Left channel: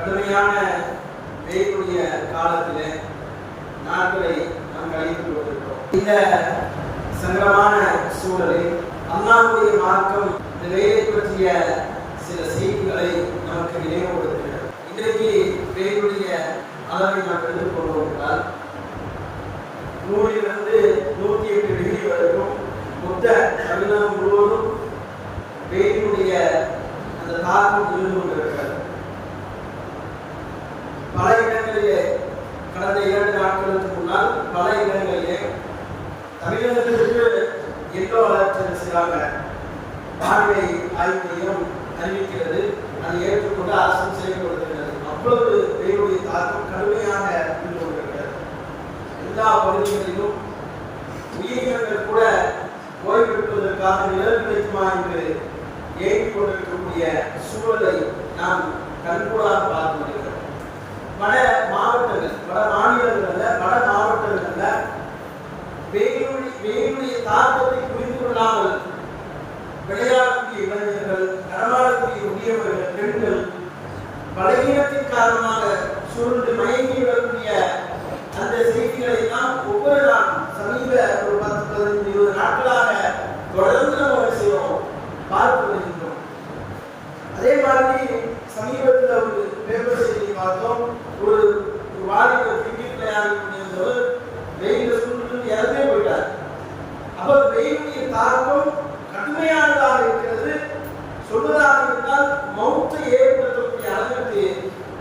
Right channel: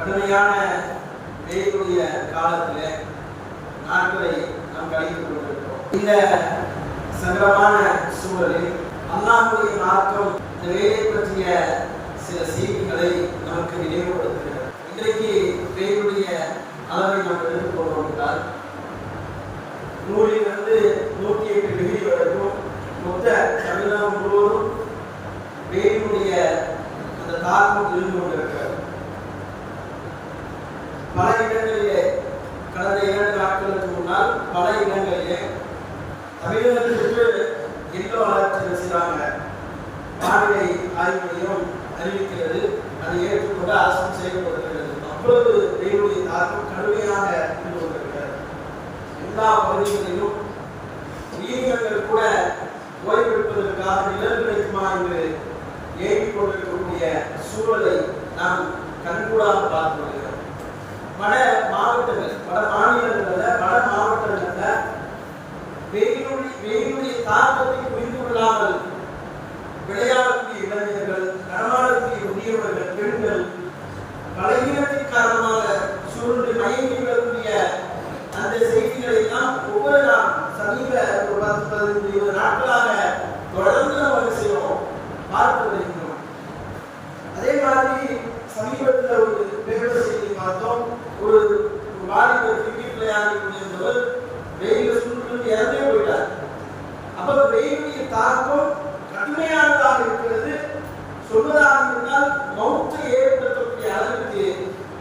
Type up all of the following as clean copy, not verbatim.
கடுமையான வெயிலுடைய காலத்திலே நாட்களை நாம் கழித்துக் கொண்டிருக்கிறோம். இந்த சங்கடமான சூழலில் அல்லாஹ்வுடைய மார்க்கம் இந்த வெயிலை பற்றிய சில செய்திகளை நமக்கு நினைவுபடுத்துகிறது. இன்றைக்கு வெயிலுடைய அளவை நாம் எடுத்துக்கொள்வோம் என்றால் 100 to 108 டிகிரி வரைக்கும் மொத்த தமிழகம் முழுவதும் வெயிலுடைய அந்த தாக்கம் இருந்து கொண்டிருக்கிறது. பல இடங்களிலே கடந்த 2 நாட்களுக்கு முன்னால் பல இடங்களிலே தமிழகத்திற்கு எல்லோ அலர்ட் செய்கிறாங்க. வானிலை ஆய்வு மையம் அறிவிக்கிறது. அதை ஏற்றுக்கொண்டு அரசும் செயல்படுத்துகிறது. அவ்வளவு வெயிலுடைய தாக்கம் கடுமையாக இருந்து கொண்டிருக்கிறது. எல்லா பகுதிகளிலும் உயிரினங்கள் கூட ஓய்வெடுப்பதற்காக நிழல் கிடைக்குமா என்று ஏங்கிக் கொண்டிருக்கக்கூடிய சூழலை நாம் கண்கூடாக பார்த்து வருகிறோம். வட மாவட்டங்கள், வட மாநிலங்கள் அல்ல, வட மாவட்டங்கள்ல வெயிலுடைய தாக்கத்தை புரிந்து கொள்ளாமல் விளையாடக்கூடிய இளைஞர்கள், நடமாடக்கூடிய முதியவர்கள், பெண்கள் பலகீனத்தின் காரணமாக சுருண்டு மயங்கி விடக்கூடிய அந்த செய்திகளை எல்லாம் ஒவ்வொரு நாள் சமீப ஒரு 10-15-20 நாட்களாக தொடர்ந்து நம்ம செய்வோம், பார்த்து வருகின்றோம். அதே மாதிரி சமீபத்தில் ஒரு பேப்பர் செய்தியை பார்த்தோம். ஒரு வாலிபர் கிரிக்கெட் விளையாடி கொண்டிருந்தவர் வெயில சுருண்டு இறந்தே போயிட்டார். அப்ப வெயிலுடைய தாக்கம் கடுமையானதாக இருக்கிறது. சொல்வதாக இருந்தால் மௌத்தை ஏற்படுத்தக்கூடிய அளவிற்கு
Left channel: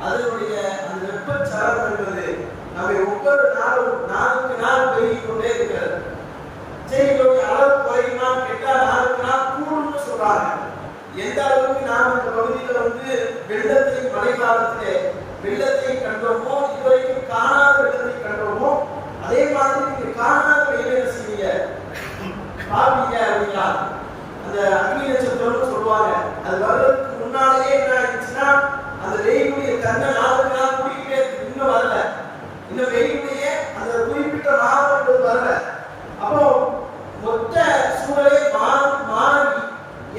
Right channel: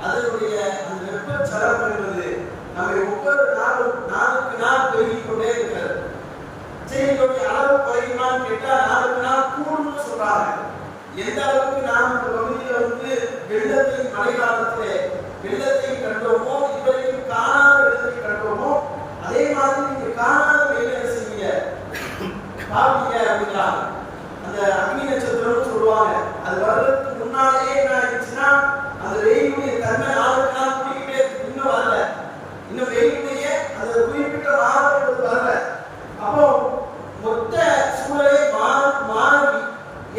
அதனுடைய அந்த வெப்பச்சலனம் என்பது நம்மை ஒவ்வொரு நாளும் நாளுக்கு நாள் பெருகிக் கொண்டே இருக்கிறது. சரி, இதோடைய அளவு குறையுமான்னு கேட்டால் நாளுக்கு நாள் கூடும்னு சொல்றாங்க. எந்த அளவுக்கு நாம் இந்த பகுதியில் வெள்ளத்தை, மழை காலத்திலே வெள்ளத்தை கண்டோமோ, இதுவரைக்கும் காணாத வெள்ளத்தை கண்டோமோ, அதே மாதிரி நீங்க காணாத வெயில் என்ன செய்வீங்க, பாப்பீங்க அப்படிங்கிறாங்க. அந்த அக்னி நட்சத்திரம்னு சொல்லுவாங்க. அது வர்றதுக்கு முன்னாலேயே என்ன ஆயிடுச்சுன்னா அந்த வெயிலுடைய தன்மை நாளுக்கு நாள் கூட்டிக்கிட்டே இருக்கு. இன்னும் வரல, இன்னும் வெயிலுடைய அந்த குறிப்பிட்ட மாதம் என்பது வரல. அப்போ மொத்த சூழலே மாறி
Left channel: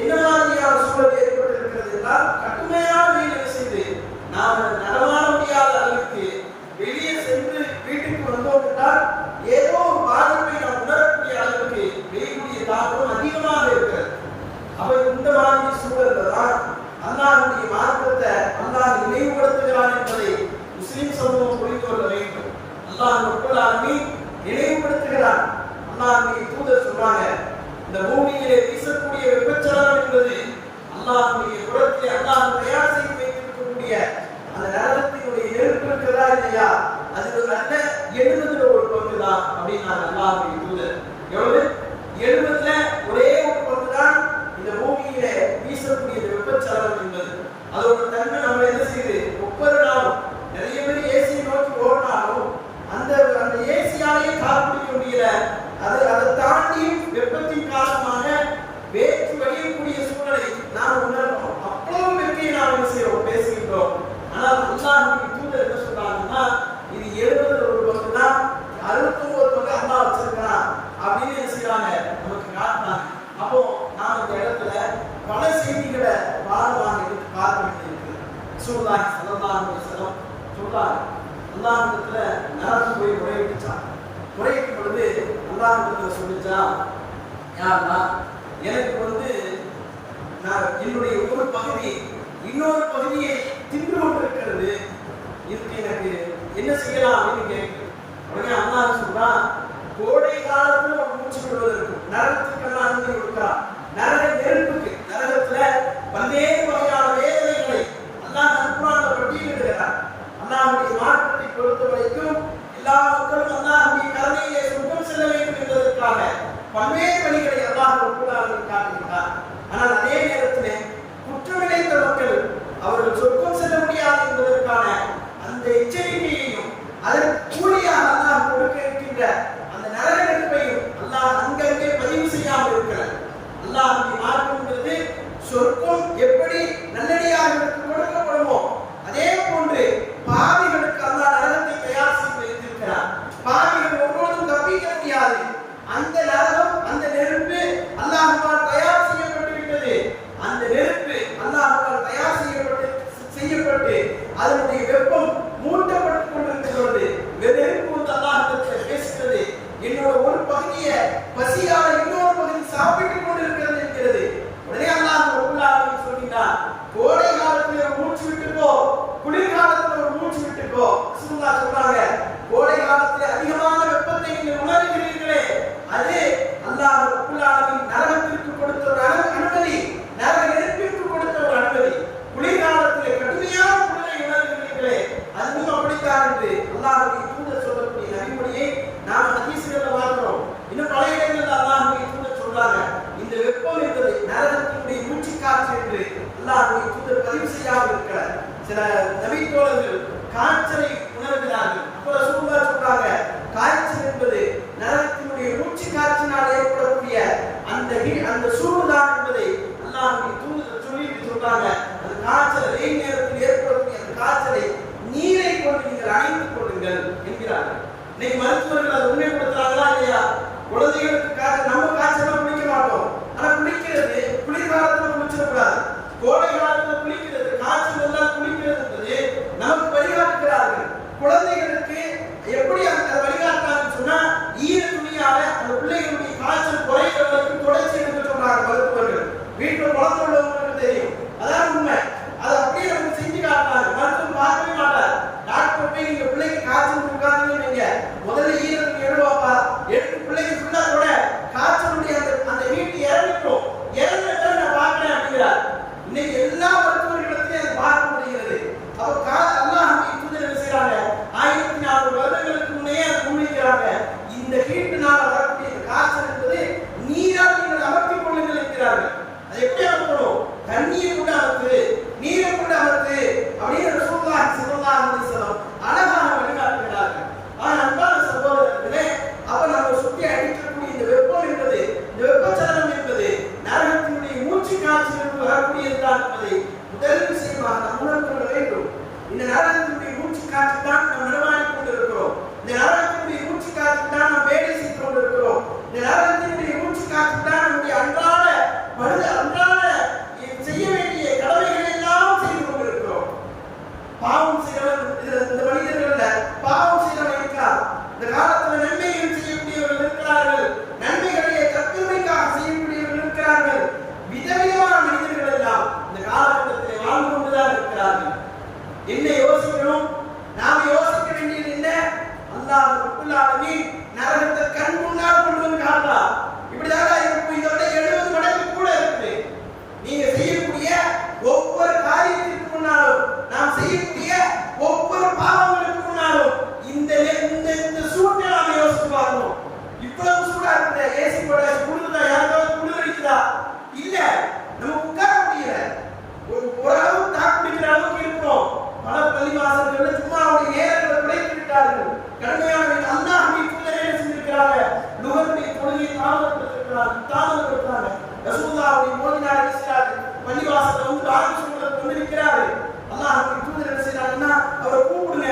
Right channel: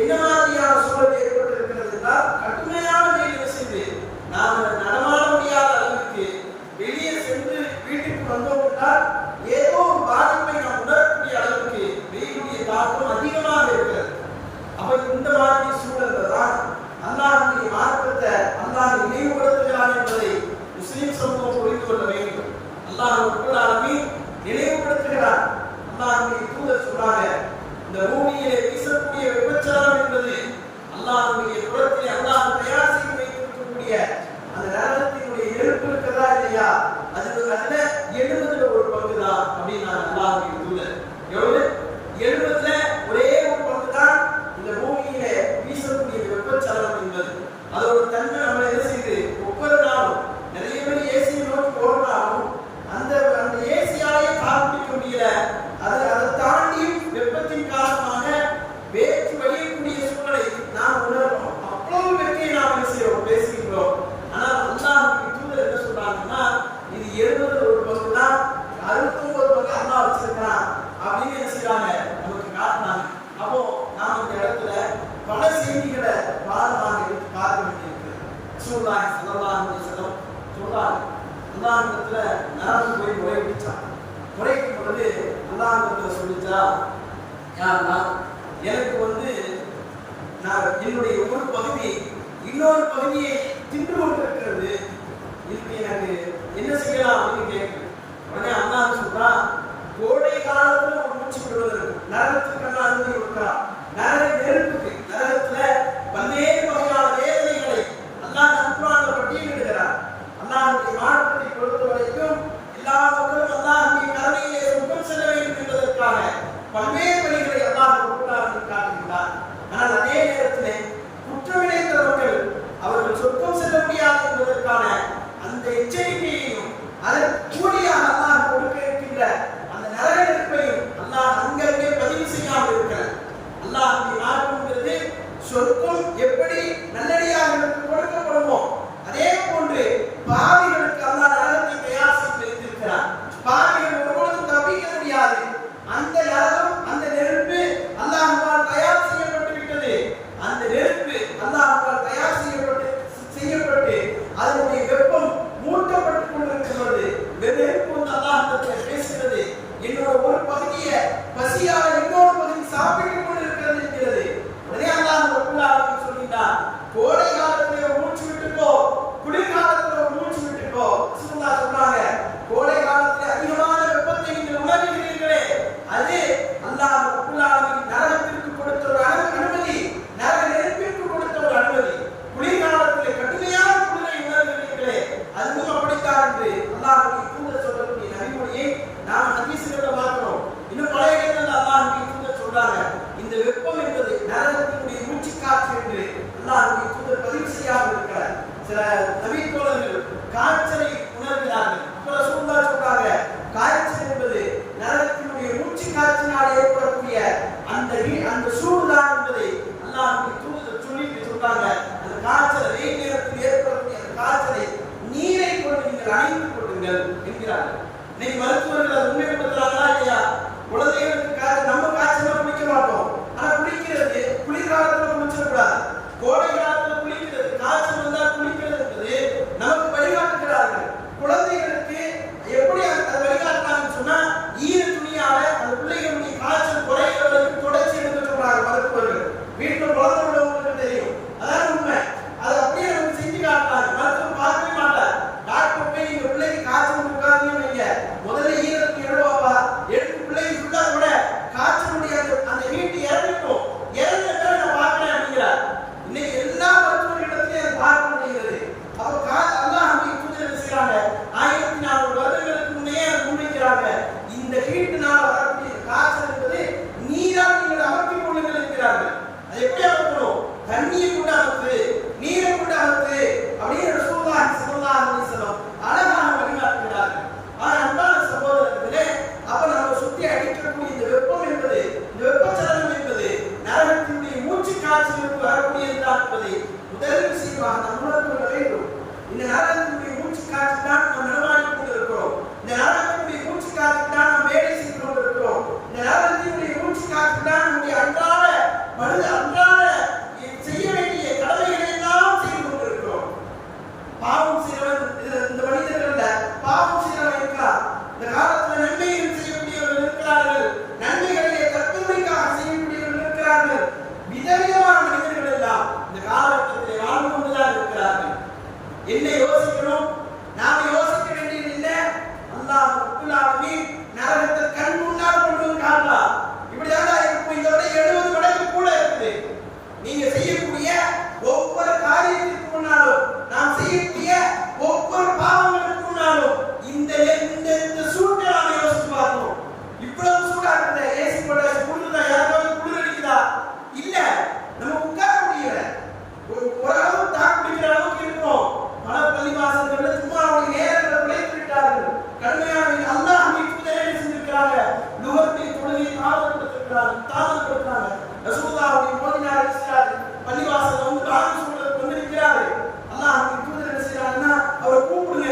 என்ன மாதிரியான சூழல் ஏற்பட்டு இருக்கிறது என்றால் கடுமையான வெயில் என்ன செய்து நாம் நடமாட முடியாத அளவிற்கு வெளியே சென்று வீட்டுக்கு வந்தோம் என்றால் ஏதோ ஒரு பாதிப்பை நாம் உணரக்கூடிய அளவிற்கு வெயிலுடைய தாக்கம் அதிகமாக இருக்கிறது. அப்ப இந்த மாதிரி சூழல்ல தான் அல்லாஹ்வுடைய மார்க்கத்தை அல்லாஹ் நினைவுபடுத்துகிறான் என்பதை முஸ்லிம் சமூகம் புரிந்து கொள்ள வேண்டும். அல்லாஹ் ரப்பல் ஆலமீன் நினைவுபடுத்துகிறான். அல்லாஹ்வுடைய தூதர் சொன்னாங்க, இந்த பூமியிலே வீசக்கூடிய வெப்பச்சலனம் என்பது அல்லாஹ்வுடைய புறத்திலே அல்லாஹ் தயார் செய்து வைத்திருக்கக்கூடிய அந்த நரகத்தினுடைய நெருப்பு இருக்கிறதா இல்லையா, அதுல 70 ஒரு பங்கு தான் அப்படின்னாங்க அல்லாஹ்வுடைய தூதர். எவ்வளவு? 70 ஒரே ஒரு பங்கு தான் இந்த பூமியில வீசக்கூடிய வெப்பச்சலனம் என்பது. அதோட தன்மை நம்மளை என்ன செய்யுது, ஒவ்வொரு நாளும் நிறைய பேர் ஏசியை நோக்கி ஓடுறாலும் அந்த ஏசியாலேயே தாக்கு பிடிக்க முடியல. அதை தாண்டியும் வெப்பத்தின் காரணமாக வேற்று வழியக்கூடிய சூழலை நாம் உணர்வோம். அவ்வளவு வெற்றியை நாம் என்ன செய்யறோம், பேசுகின்றோம். ஆனால் அல்லாஹ்வுடைய தூதர் என்ன சொல்றாங்கன்னா, இது 70 ஒரு பங்கு தான், 69 பங்கு அல்லாஹ் வச்சிருக்கிறான் அப்படின்னு என்ன செய்யறாங்க, நமக்கு காட்டுறாங்க. அப்போ நாம் இந்த இடத்துல பல செய்திகளை பாடமாக எடுத்து பார்க்க வேண்டியிருக்கிறது. ரசூலுல்லாஹி ஸல்லல்லாஹு அலைஹி வஸல்லம் சொல்றாங்க, அல்லாஹ்விடத்துல நரகம் போய் முறையிட்டான். முறையிடும் பொழுது அல்லாஹ்விடத்துல சொல்லிச்சா, யாருன்னா எனக்கு நான் என்னுடைய ஒரு பகுதி இன்னொரு பகுதியை தின்று கொண்டிருக்கிறது, இதுக்கு எனக்கு என்ன செய்யலாம் அப்படின்னு கேட்குது. உடனே அல்லாஹ் சொல்றான், கோடை காலத்துல ஒரு மூச்சு விடுவதற்கும் நரகத்துக்கு எல்லாம் அனுமதி கொடுக்கிறார். நரக நெருப்புக்கு, நரகத்துல பல்வேறு வகையான வேதனைகளை அல்லாஹ் குர்ஆன்ல பட்டியலிடுகிறார். அல்லாஹ்வுடைய மார்க்கத்தை பொறுத்த வரைக்கும் எல்லா மக்களும் அல்லாஹ்வுடைய கருணையிலே சொர்க்கம் செல்ல வேண்டும் என்பதற்காக பல்வேறு வழிகளை அல்லாஹ் குர்ஆனில் காட்டுகிறார். ஆனால் அதே நேரத்திலே குற்றமிழைத்த மக்கள் அவர்கள் சொர்க்கம் செல்ல முடியாது என்பதற்கான அந்த எச்சரிக்கையையும் அதற்கு கூலியாக அல்லாஹ் கொடுக்க இருக்கின்ற அந்த நரக நெருப்பையும் அல்லாஹ் அங்கங்கே பதிவு செய்யாமல் இருக்கிறார். அல்லாஹ்வுடைய மார்க்கம்ங்கிறது சொர்க்கம் எப்படி நல்லடியார்களுக்கு கொடுக்கப்படுமோ அதே போன்று பாவிகளுக்கு அல்லாஹ் நரகத்தை தயார் செய்து வைத்திருக்கிறார். பாவிகள் ஒருபொழுதும் தப்பிக்க முடியாது. அந்த நரகம், அந்த நெருப்பு அல்லாஹ் அதனுடைய வெப்பம் மூட்டப்பட்டுக் கொண்டிருக்கிறது. நெருப்பு வந்து அல்லாஹ்விடத்தில் பேசுகிறது, என்னோட ஒரு பகுதியை பசியால இன்னொரு பகுதி சாப்பிட்டுக் கொண்டிருக்கிறது என்கிறது. உடனே அல்லாஹ் ரப்பல் ஆலமீன் சொல்கிறான், கோடை காலத்துல ஒரு மூச்சு விட்டுக்கோ, குளிர்காலத்துல ஒரு மூச்சு விட்டுக்கோ. ரசூலுல்லாஹ் சொல்றாங்க, கோடை காலத்தில் அதிகமான வெப்பத்தை நீங்கள் உணர்கிறீர்களே, அது அல்லாஹ் ரப்பல் ஆலமீன் நரகத்திற்கு கொடுத்த ஒரு அனுமதி, நரக நெருப்பிற்கு கொடுத்த ஒரு அனுமதி. குளிர்காலத்தில் கடுமையான குளிரை உணர்கிறீர்களே, அதுவும் அப்படித்தான் என்று அல்லாஹ்வுடைய தூதர் சொல்லக்கூடிய நபிமொழியை நாம் ஹதீஸ்களில் பார்க்கிறோம். இன்னும் பல இடங்களில் அல்லாஹ்வுடைய தூதர் சொல்றாங்க, இந்த வெப்பம் என்பது நரகத்தினுடைய மூச்சு காற்று என்று அல்லாஹ்வுடைய தூதர் பதிவு செய்யாமல் இருக்கிறார். சில நபி தோழர்கள் காய்ச்சலை உணர்கிறார்கள். அப்ப ரசூலுல்லாஹ் சொல்றாங்க, காய்ச்சல் என்பது நரகத்தினுடைய மூச்சு காற்றினால் ஏற்படக்கூடிய அந்த சூடுதான் என்பதை அல்லாஹ்வுடைய தூதர் சொல்லிட்டு சொல்றாங்க. அந்த காய்ச்சல் வெயில் நேரத்தில் ஏற்படக்கூடிய அந்த காய்ச்சலை நீரை கொண்டு நீங்கள் அணைத்துக் கொள்ளுங்கள் என்கிறார்கள். இன்னைக்கு மருத்துவர்கள் அதை உண்மைப்படுத்துறாங்களா இல்லையா? குழந்தைகளுக்கு காய்ச்சல், நம்ம காய்ச்சல் குளிக்க மாட்டோம், ஆனா குளிக்கிறது குளிர்காலத்துல குளிச்சிடக்கூடாது, கோடை காலத்துல குளிக்கிறது, காய்ச்சல் வந்தால் குளிக்கிறது என்பது நமக்கு வழிகாட்டுகிறார்கள். குழந்தைகளுக்கு எப்படி அதை வழிகாட்டுறாங்கன்னு சொன்னா, ஈர துணியால அந்த பிள்ளைகளுடைய காய்ச்சல் குறையிற வரைக்கும் தொடர்ச்சி எடுக்க சொல்றாங்க மருத்துவர்கள். வீட்டுல குழந்தை உள்ளவங்களுக்கு தெரியும், அதான் உண்மை. அதை அப்படியே நமக்கு செஞ்சு காட்டினாங்க. மருத்துவர் பார்க்கவே மாட்டார். டாக்டர் போய் நீங்க பிள்ளைக்கு காய்ச்சல் இருக்காதுன்னு வைங்க, முதல்ல ஈர துணி எடுவாப்பா, எடுத்து பிள்ளைக்கு ஃபுல்லா கூட காய்ச்சலுடைய அந்த ஹீட் இறங்கிக்கும், இறங்கிட்ட நான் பார்க்கிறேன் அப்படிங்கிறார். இன்னைக்கு எல்லா மருத்துவர்களிடத்திலையும் அதை பார்க்க முடிகிறது. அப்ப அல்லாஹ்வுடைய தூதர் என்ன செய்யறாங்க, 1400 வருடங்களுக்கு முன்னே முன்வைக்கிறாங்க, இந்த ஹீட்னால வரக்கூடிய இந்த காய்ச்சல் என்பது நீரால் நீங்கள் அமர்த்திக் கொள்ளுங்கள் என்கிறார்கள். அது எப்படி அமர்த்தணும்? தண்ணியை கொண்டு அமர்த்து, நீரை கொண்டு அமர்த்து அப்படின்னு ரசூலுல்லாஹி ஸல்லல்லாஹு அலைஹி வஸல்லம் அழகாக வழிகாட்டுகிறார்கள். ஆனால் அன்பான சகோதரர்களே, அப்ப நம்ம சுற்றி அடிக்கக்கூடிய இந்த வெப்பம் என்பது, இந்த வெப்பச்சலனம் என்பது நரகத்தினுடைய மூச்சு காற்றிலிருந்து வரக்கூடியதுதான் என்பதை முதல் விஷயமாக நாம் உணர்ந்து கொள்ள வேண்டும். இந்த நரகத்தினுடைய மூச்சு காற்று தான் நாம் நடமாடி கொண்டிருக்கிறோம். இந்த நரகத்தினுடைய மூச்சு காற்று தான் நாம் வேலை செய்து கொண்டிருக்கிறோம். இந்த நரகத்தினுடைய மூச்சு காற்று தான் நம்முடைய அன்றாட செய்ய வேண்டிய கடமைகளை எல்லாம் செய்து கொண்டிருக்கிறோம். பாவம் செய்யறவன் இந்த மனிதர்கள்ல பாவம் செய்யறவன் இருக்கிறார். இந்த காலத்துல நன்மைகள் செய்யக்கூடியவர்கள் இருக்கிறார்கள், நன்மைகளை தற்பெருமைக்காக செய்யக்கூடியவர்கள் இருக்கிறார்கள். விதவிதமான மனிதர்கள் எல்லாம் இந்த காலகட்டத்தில் வாழ்ந்து கொண்டுதான் இருக்கிறார்கள். என்ன யோசிக்கணும்? நாம யோசிக்க வேண்டியது என்ன? அல்லாஹ் ரப்பல் ஆலமீன் நரகத்தை கண் முன்னால் கொண்டு வந்து காட்டலாம். இப்படிதான் இருக்கும். இதோட 70 மடங்கு கூட இருக்குது. நீங்க செய்யக்கூடிய ஒவ்வொரு காரியத்திற்கு முன்னாலும், நாம் செய்யக்கூடிய ஒவ்வொரு பாவங்களுக்கு முன்னாலும் இந்த சூட்டை நாம யோசிச்சு பார்க்கணும். இவ்வளவு சூடா இருக்குது, ஏசி போட்டாச்சு, குளிர்தா? யாருக்காவது குளிர் அடிக்குதா? இல்ல. நம்ம உட்கார முடியல, ஓரளவு தாக்கு பிடிக்கிற அளவுக்கு இருக்கிறோம். பல பள்ளிவாசல்கள் சும்மா அவருடைய நேரங்களை குறைத்து விட்டார்கள். கடுமையான அல்லாஹ்வுடைய தூதர் என்ன செஞ்சிருக்கிறாங்க? லுஹருடைய தொழுகையை தாமதப்படுத்துறாங்க. ரசூலுல்லாஹ்வுடைய மோதினார் இருக்கிறாரு, பள்ளிவாசல்ல வந்து பாங்கு சொல்றதுக்கு வந்து நிற்கிறாரு. அல்லாஹ்வுடைய தூதர் என்ன செய்யறாங்கன்னா, அவரை கூப்பிடுங்க,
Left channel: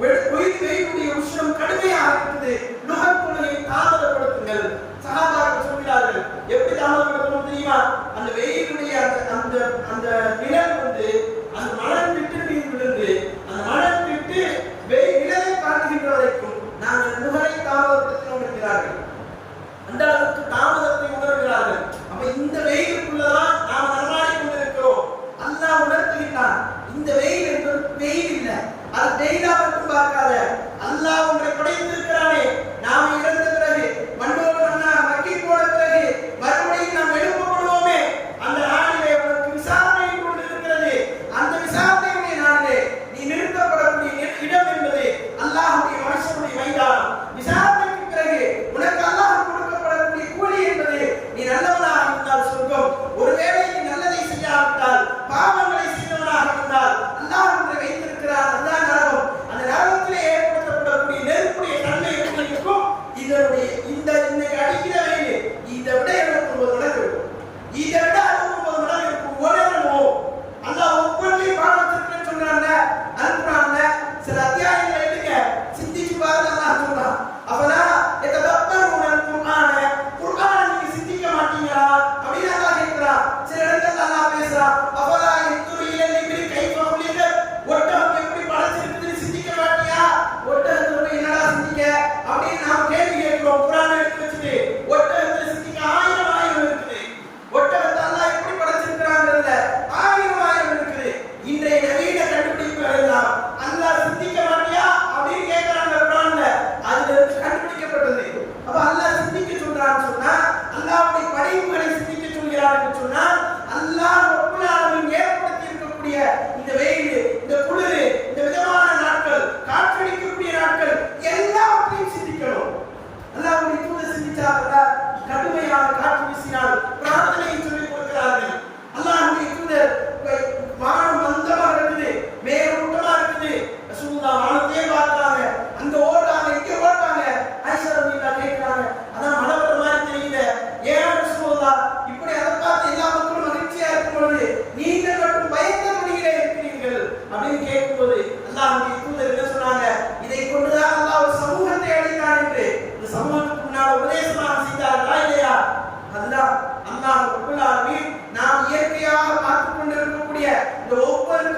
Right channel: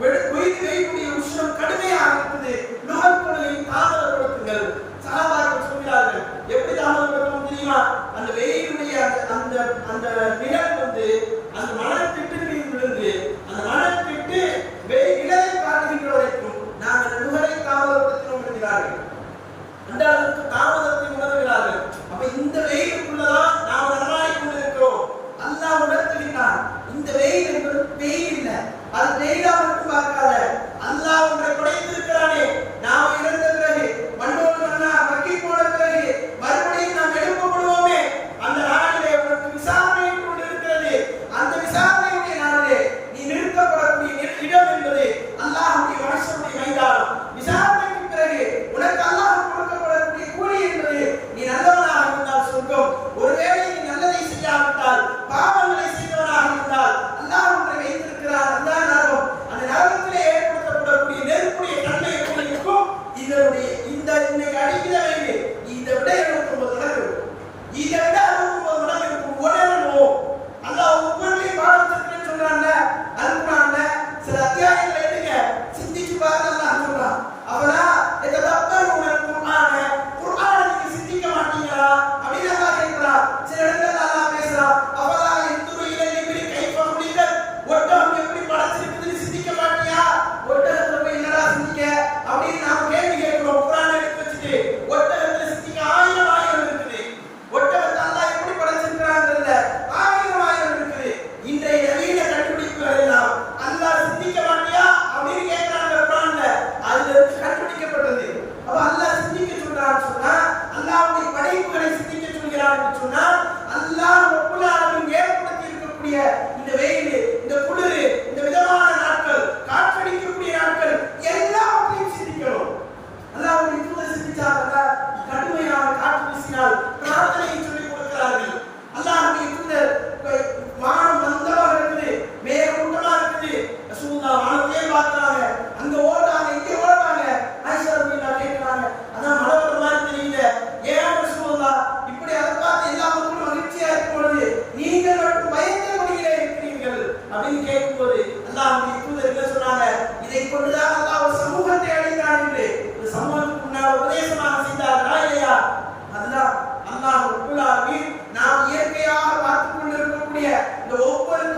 வெயிலுடைய உஷ்ணம் கடுமையாக இருக்குது, லுஹர் தொழுகையை தாமதப்படுத்துங்கள். சஹாபாக்கள் சொல்கிறார்கள், எப்படி தாமதப்படுத்தணும் தெரியுமா? அந்த வெயிலுடைய அந்த நிழல் வந்து அந்த மலர் திட்டு மீது விழுந்து, அந்த மலர் திட்டு நிழலை காட்டுகின்ற வரைக்கும் நாங்கள் லுஹரை தாமதப்படுத்தினோம் என்கிறார்கள். அந்த அளவுக்கு தாமதத்தை உணர்கிறார்கள். அப்ப இந்த வெயிலுக்குள்ளதான் நாம் நடமாடி கொண்டிருக்கிறோம். அல்லாஹ் உணர்த்துகின்றான், இந்த வெயில் என்பது வெயில் இல்லை, அது வெயிலா மட்டும் பார்க்காத, அல்லாஹ் ஒன்றை படைத்திருக்கிறானே. நாம இறந்த பிறகு மண்ணோடு மண்ணாக மக்கி போன பிறகு மறுபடியும் நாம் எழுப்பப்படுவோமே, அந்த நாளிலே உனக்கு விசாரணை கொண்டு இருக்கிறது. அந்த விசாரணையுடைய நாளிலே நீ நிறுத்தப்படக்கூடிய இடம் என்பது அல்லாஹ்வுடைய மனுஷனுடைய மைதானம். விசாரணைக்கு பிறகு உனக்கு அல்லாஹ் கொடுக்கப்படக்கூடிய கூலி என்பது நீ நல்லவனாக இருந்தால் சொர்க்கம், ஒருவேளை நீ நல்லதை செய்யாவிட்டால், பாவங்களை செய்தவனாக இருந்தால் அல்லாஹ் ஒன்றை வைத்திருக்கிறார், அதுதான் நரகம். அந்த நரகத்திலே ஏற்படுத்தப்படக்கூடிய அல்லாஹ் ரப்பல் ஆலமீன் நாம் இயற்கையாக பார்த்துக் கொண்டிருக்கக்கூடிய இந்த ஒவ்வொரு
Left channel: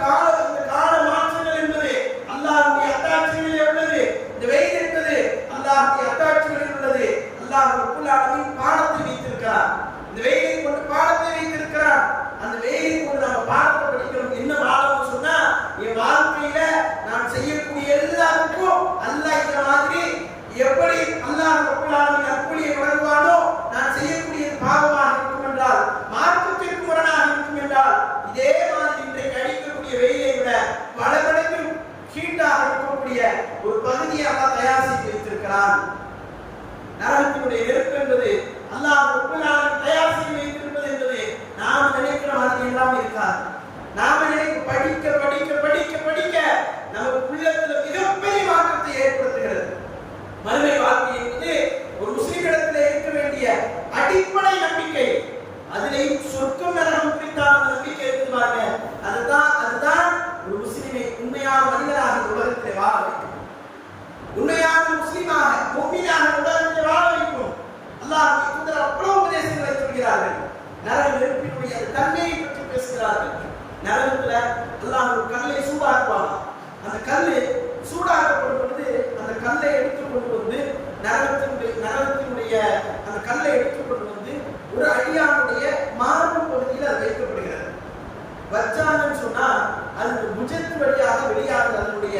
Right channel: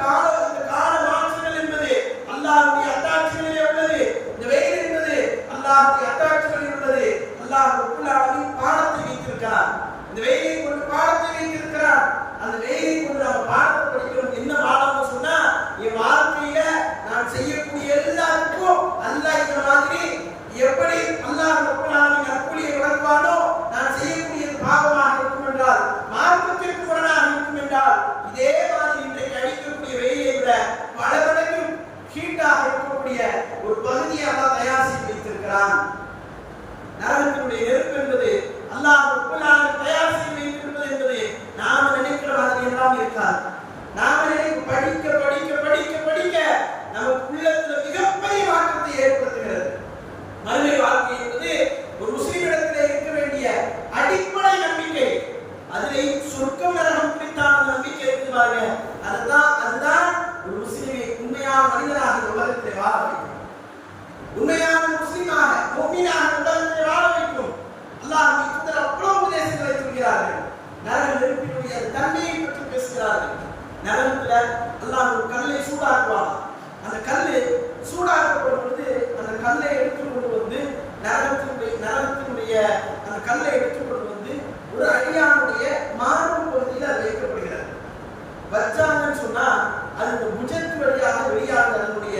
கால மாற்றங்கள் என்பது அல்லாஹ்வுடைய அத்தாட்சிகளிலே உள்ளது. இந்த வெயில் என்பது அல்லாஹ்வுடைய அத்தாட்சிகளில் உள்ளது. அல்லாஹ் ரப்பல் ஆலமீன் பாடத்தை வைத்திருக்கிறார். இந்த வெயிலை கொண்டு பாடத்தை வைத்திருக்கிறார். அந்த வெயிலை கொண்டு நம்ம பாடத்தை படிக்கணும். என்ன பாடம்னு சொன்னா, என் வாழ்க்கையில நான் செய்யக்கூடிய எல்லாருக்கும் அல்லாஹ் இந்த மாதிரி எப்படி அல்லாஹ் ரப்பல் ஆலமீன் நற்கூலியை வழங்குவானோ, நான் செய்யக்கூடிய பாவமாக இருக்கும் என்றால், மார்க்கத்திற்கு முரணாக இருக்கும் என்றால், இதே மாதிரி இன்றைக்கு அடிக்கக்கூடிய வெயிலை விட பல மடங்கு ஹீட்டாக இருக்கக்கூடிய ஒரு பகுதியை அல்லாஹ் தயார் செய்து வைத்திருக்கிறான். நரகத்தினுடைய நெருப்பு என்பது அல்லாஹ் ரப்பல் ஆலமீன் தயார் செய்து வைத்திருப்பது என்பது நாம நினைக்கிற மாதிரி எல்லாம் இருக்காது. நாம நினைக்க படிக்க படிக்க படிக்க படிக்க நமக்கு உள்ளத்துல மிகப்பெரிய மாற்றத்தை ஏற்படுத்துகிறது. மறுமை வாழ்க்கை என்பது ஒரு முஸ்லிமிடத்தில் இருக்க வேண்டிய அடிப்படை நம்பிக்கை. அதிலேயும் சொர்க்கம் நரகம் குறித்தான நம்பிக்கை இருக்குது பாருங்க. அதுதான் ஒரு முஸ்லிமை உண்மையான மனிதனாக இந்த உலகத்திலே வாழ வைக்கும். உண்மையான முஸ்லிமாக முஃமினாக உலகத்திலே வாழ வைக்கும். அல்லாஹ்வுடைய தூதர் அவ்வளவு உபதேசங்களை சொல்கிறார்கள். நரக நெருப்பினுடைய தன்மையை பற்றி பேசுகிறார்கள். நரகத்துல அல்லாஹ் ஒரு கல்லை சூடாக்குவாங்க. அந்த கல்லு சூடாக்கப்படும் பொழுது அந்த கல்லை எடுத்துக்கொண்டு வந்து நரகத்தினுடைய அந்த கல்லை எடுத்துக்கொண்டு வந்து ஒரு அடியானுடைய மார்பு பகுதியில் அது வைக்கப்படுகிறது. வச்சாங்கன்னு சொன்னா அது இந்த புஜத்து வழியாக வெளியாகுது. அதனுடைய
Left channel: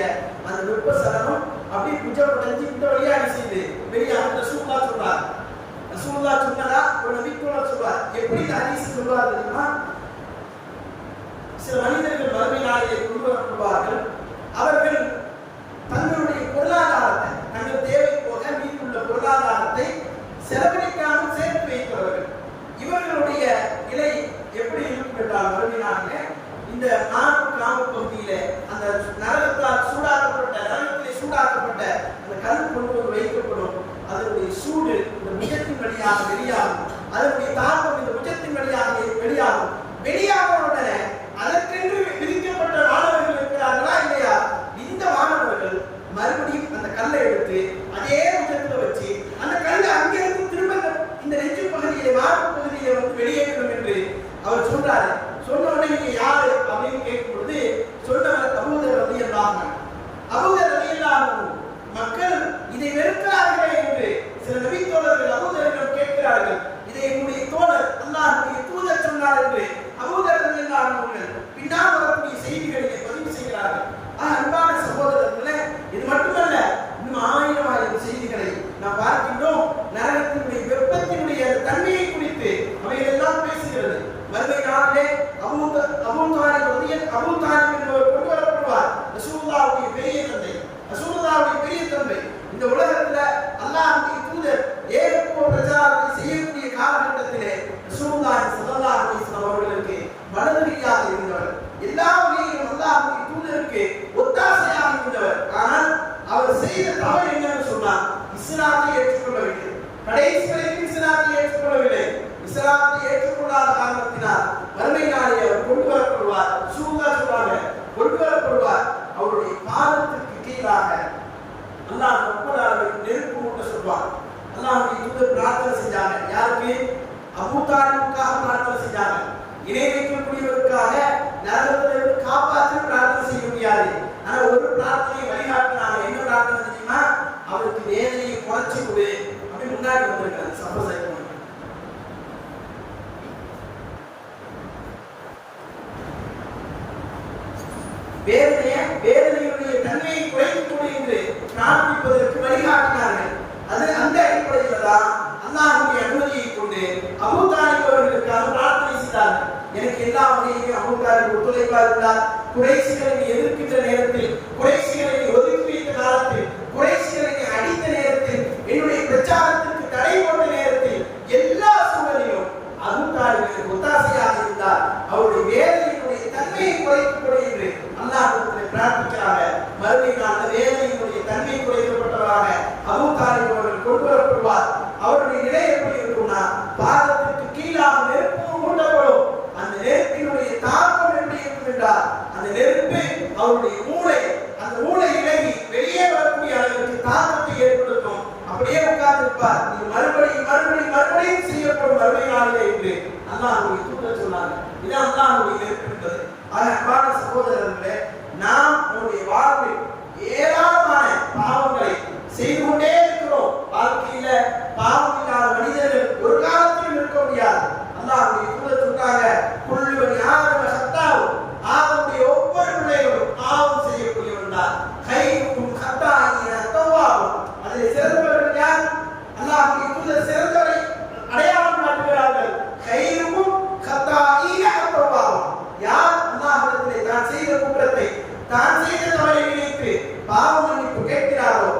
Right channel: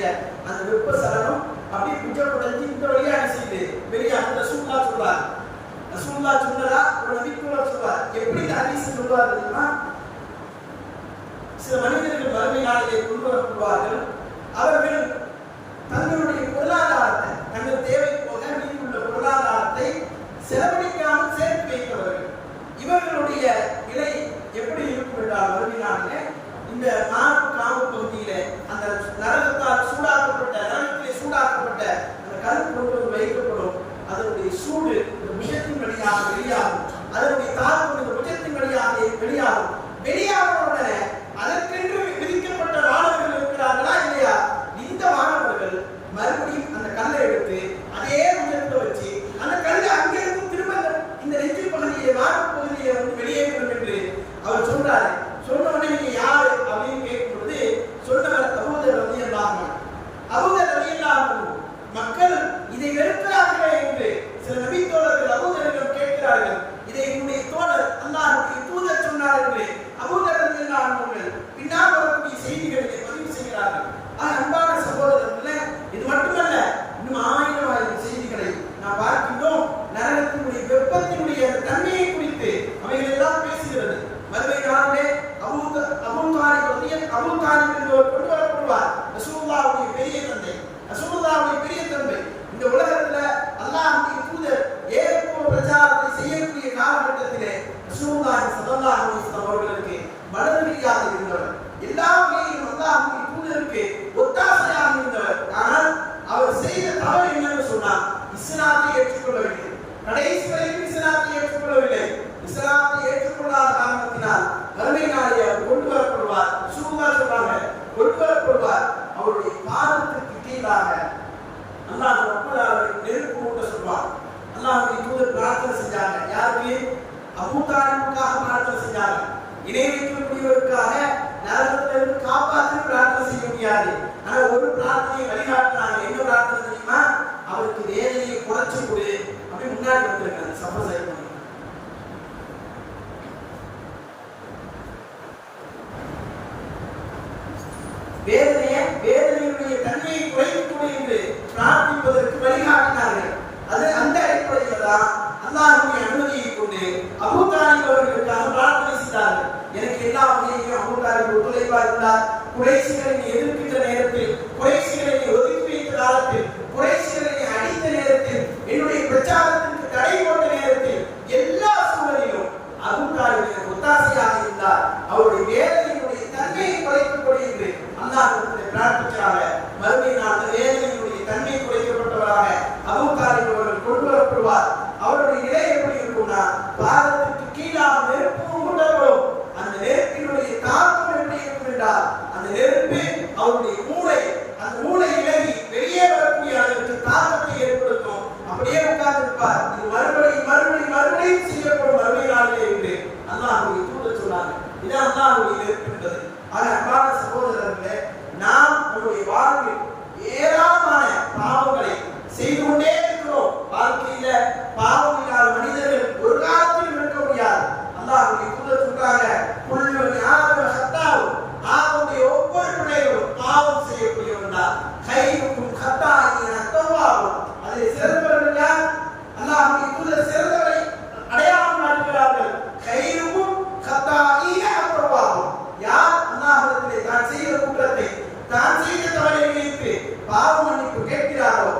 அந்த வெப்ப சலனம் அப்படியே புஜப்படைஞ்சு இந்த வழியாக செய்து வெளியாக ரசூலுல்லாஹ் சொல்றார். ரசூலுல்லாஹ் சொன்னதா ஒரு நபித்தோழர் சொல்வார். எப்படி இந்த ஹதீஸ் சொல்றார் தெரியுமா? சில மனிதர்கள் மறுமை நாளிலே கொண்டு வரப்படுவார்கள். அவர்கள் தங்களுடைய பொருளாதாரத்தை, தங்கள் தேவை போக மீதுள்ள பொருளாதாரத்தை செலவழிக்காமல் சேர்த்து வைத்தவர்கள். இவர்களுடைய நிலை எப்படி இருக்கும் என்றால், மறுமை நாளிலே இந்த காம்பு பகுதியில அந்த நரகத்தால் நரகத்திலே சூடாக்கப்பட்ட அந்த கல் கொண்டு வந்து வைக்கப்படும். அதனுடைய சூடு இந்த புஜத்தின் வழியாக வெளியாகும். அதனுடைய தாக்கம் இந்த புஜத்தின் வழியாக வெளியாகுடனே அதற்கென்று விதிக்கப்பட்ட மாணவர்கள் இருக்கிறார்களா இல்லையா? இந்த மாணவர்கள் மறுபடியும் அந்த கல்லை எடுத்து அதே புஜத்துல வச்சு அந்த கல்லை அங்கிருந்து திரும்ப இந்த நெஞ்சு பகுதியிலே மார்பு பகுதியிலே வந்து வெளியேறணும் என்று அவர் சொல்றாரு. சொன்ன உடனே நீங்க யாரு அப்படின்னு கேட்கும் பொழுது சொன்னவர் அபூதர் ரலியல்லாஹு அன்ஹு. அபூதர் ரலியல்லாஹு அன்ஹு மக்கள் இதை வெறுக்கிறார்களே என்று சில நபித்தோழர்கள் அபூதரிடம் கேட்கிறார்கள். இதை என்னுடைய தோழர் அல்லாஹ்வுடைய தூதர் சொன்னார் என்று அபூதர் ரலியல்லாஹு அன்ஹு பின்னால் வரக்கூடிய செய்திகளை பதிவு செய்கிறார்கள். அன்பான சகோதரர்களே, இது மட்டுமல்ல, இன்னும் ஆயிரம் செய்திகளை நாம் பார்க்கின்றோம். நரகத்தினுடைய வெப்பத்தினுடைய தன்மையை குறித்து அவைகள் எல்லாம் பேசுகிறது. மறுமை நாளிலே அபூ தாலிப் என்பவர் கொண்டு வரப்படுவார். ரசூலுல்லாஹ்வுடைய பெரிய தந்தை, ரசூலுல்லாஹ்வுடைய பெரிய தந்தை. இந்த உலகத்துல அல்லாஹ்வுடைய தூதர் ஏகத்துவ பிரச்சாரத்தை செய்யக்கூடிய காலகட்டத்திலே ரசூலுல்லாஹி ஸல்லல்லாஹு அலைஹி வஸல்லம் அவர்களுக்கு வலதுகையாக இருந்தவர். எல்லா வகையிலும் அல்லாஹ்வுடைய தூதருக்கு ஒத்தாசையாக இருந்தவர். ஆனால் அவர் செய்த தவறு என்னன்னு சொன்னா, இஸ்லாத்தை ஏற்றுக்கொள்ளவில்லை. கடைசி வரைக்கும் இஸ்லாத்தை ஏற்றுக்கொள்ளவில்லை. இஸ்லாத்தை ஏற்றுக்கொள்ளாத காரணத்தினால் மறுமை நாளில் அவர் கொண்டு வரப்படுவார். ரசூலுல்லாஹ் சொல்றாங்க, கொண்டு வரப்படுவார். அவருடைய பாதத்திற்கு கீழாக அல்லாஹ் ரப்பல் ஆலமீன் நெருப்பு மூட்ட சொல்வார். அல்லாஹ்வுடைய தூதர் பிரார்த்தனை செஞ்சாங்க. யாருக்கு? அபூ தாலிபுக்காக பிரார்த்தனை செஞ்சாங்க. இணை வைக்கக்கூடியவருக்காக நரகத்திலிருந்து காப்பாற்றி பிரார்த்தனை செய்ய முடியாது. ஆனா ஒரு பிரார்த்தனையை வழிகாட்டுறாங்க. என்ன பிரார்த்தனை தெரியுமா? அவருக்கு வேதனையை குறைச்சு கொடு அப்படி முன்னாடி வந்திருக்காங்க. சப்போஸ் வேதனையுடைய தன்மையை குறைத்துக் கொடு என்று பிரார்த்திப்பதற்கு வழிகாட்டினார்கள். அது அந்த அடிப்படையில் தான் அல்லாஹ்வுடைய அனுமதியை கொண்டு அபூ தாலிப் அவர்களுக்காக பிரார்த்தனை செய்தார்கள். எனக்கு எல்லா வகையிலும் அபூ தாலிப் ஒத்துழைப்பாக இருந்தார். குறைஷிகளை எதிர்க்கின்ற நேரத்தில், குறைஷிகளை ஒதுக்கி வைத்த காலத்தில், குறைஷிகளை அடித்த நேரத்தில், என்னுடைய பிரச்சாரத்திற்கு தடை போட்ட நேரத்தில், எல்லா சூழலிலும் அபூ தாலிப் ஒத்தாசையாக இருந்தார். அவருடைய வேதனையினுடைய தன்மையை குறைத்துக் கொடு என்று அல்லாஹ்விடத்தில் பிரார்த்திக்கிறாங்க. மறுமை நாள் வேதனையினுடைய தன்மை குறைக்கப்பட்டவராக அபூ தாலிப் அவர்கள் கொண்டு வரப்படுவார். அவருடைய நிலை எப்படி இருக்கும்னா, பாதத்திற்கு கீழாக நெருப்பு மூட்டப்படும். அந்த நெருப்பினுடைய தாக்கம் எப்படி இருக்கும் என்றால், அந்த நெருப்பு அவருடைய அந்த மூளை இலகி வெளியே வரக்கூடிய அளவிற்கு தாக்கத்தை ஏற்படுத்தும். அப்படியே உட்கார்ந்து இருப்பார். இது மறுபடியும் செய்யப்படும் மறுமை நாளிலே என்று வாழ்க்கையில் இருக்கின்றது. அன்பான சகோதரர்களே, நாம் நம்முடைய வாழ்வில் ஏராளமான பாவங்களை செய்து கொண்டே இருக்கிறோம். வாழ்க்கையில பாவம் இல்லாத மனிதர்கள் ஒரு காலத்திலும் இருக்க முடியாது. அல்லாஹ்வுடைய தூதர் சொல்றாங்க, குல்லு பனி ஆதம ஹத்தாவு, ஆதமுடைய ஒவ்வொரு பிள்ளைகளும் பாவம் செய்யக்கூடியவர்கள் தான். கைக்கும் ஹத்தாயின தவ்வாபும், அதில் சிறந்தவர்கள் யார்? அல்லாஹ்வுடைய தூதர் சிறந்தவரை அடையாளம் காட்டுகிறார்கள். கைக்கும் ஹத்தாயின தவ்வாபும், யார் அல்லாஹ்விடத்திலே தான் செய்த குற்றத்தை, தான் செய்த தவறை நினைத்து பாவ மன்னிப்பு கேட்கிறாரோ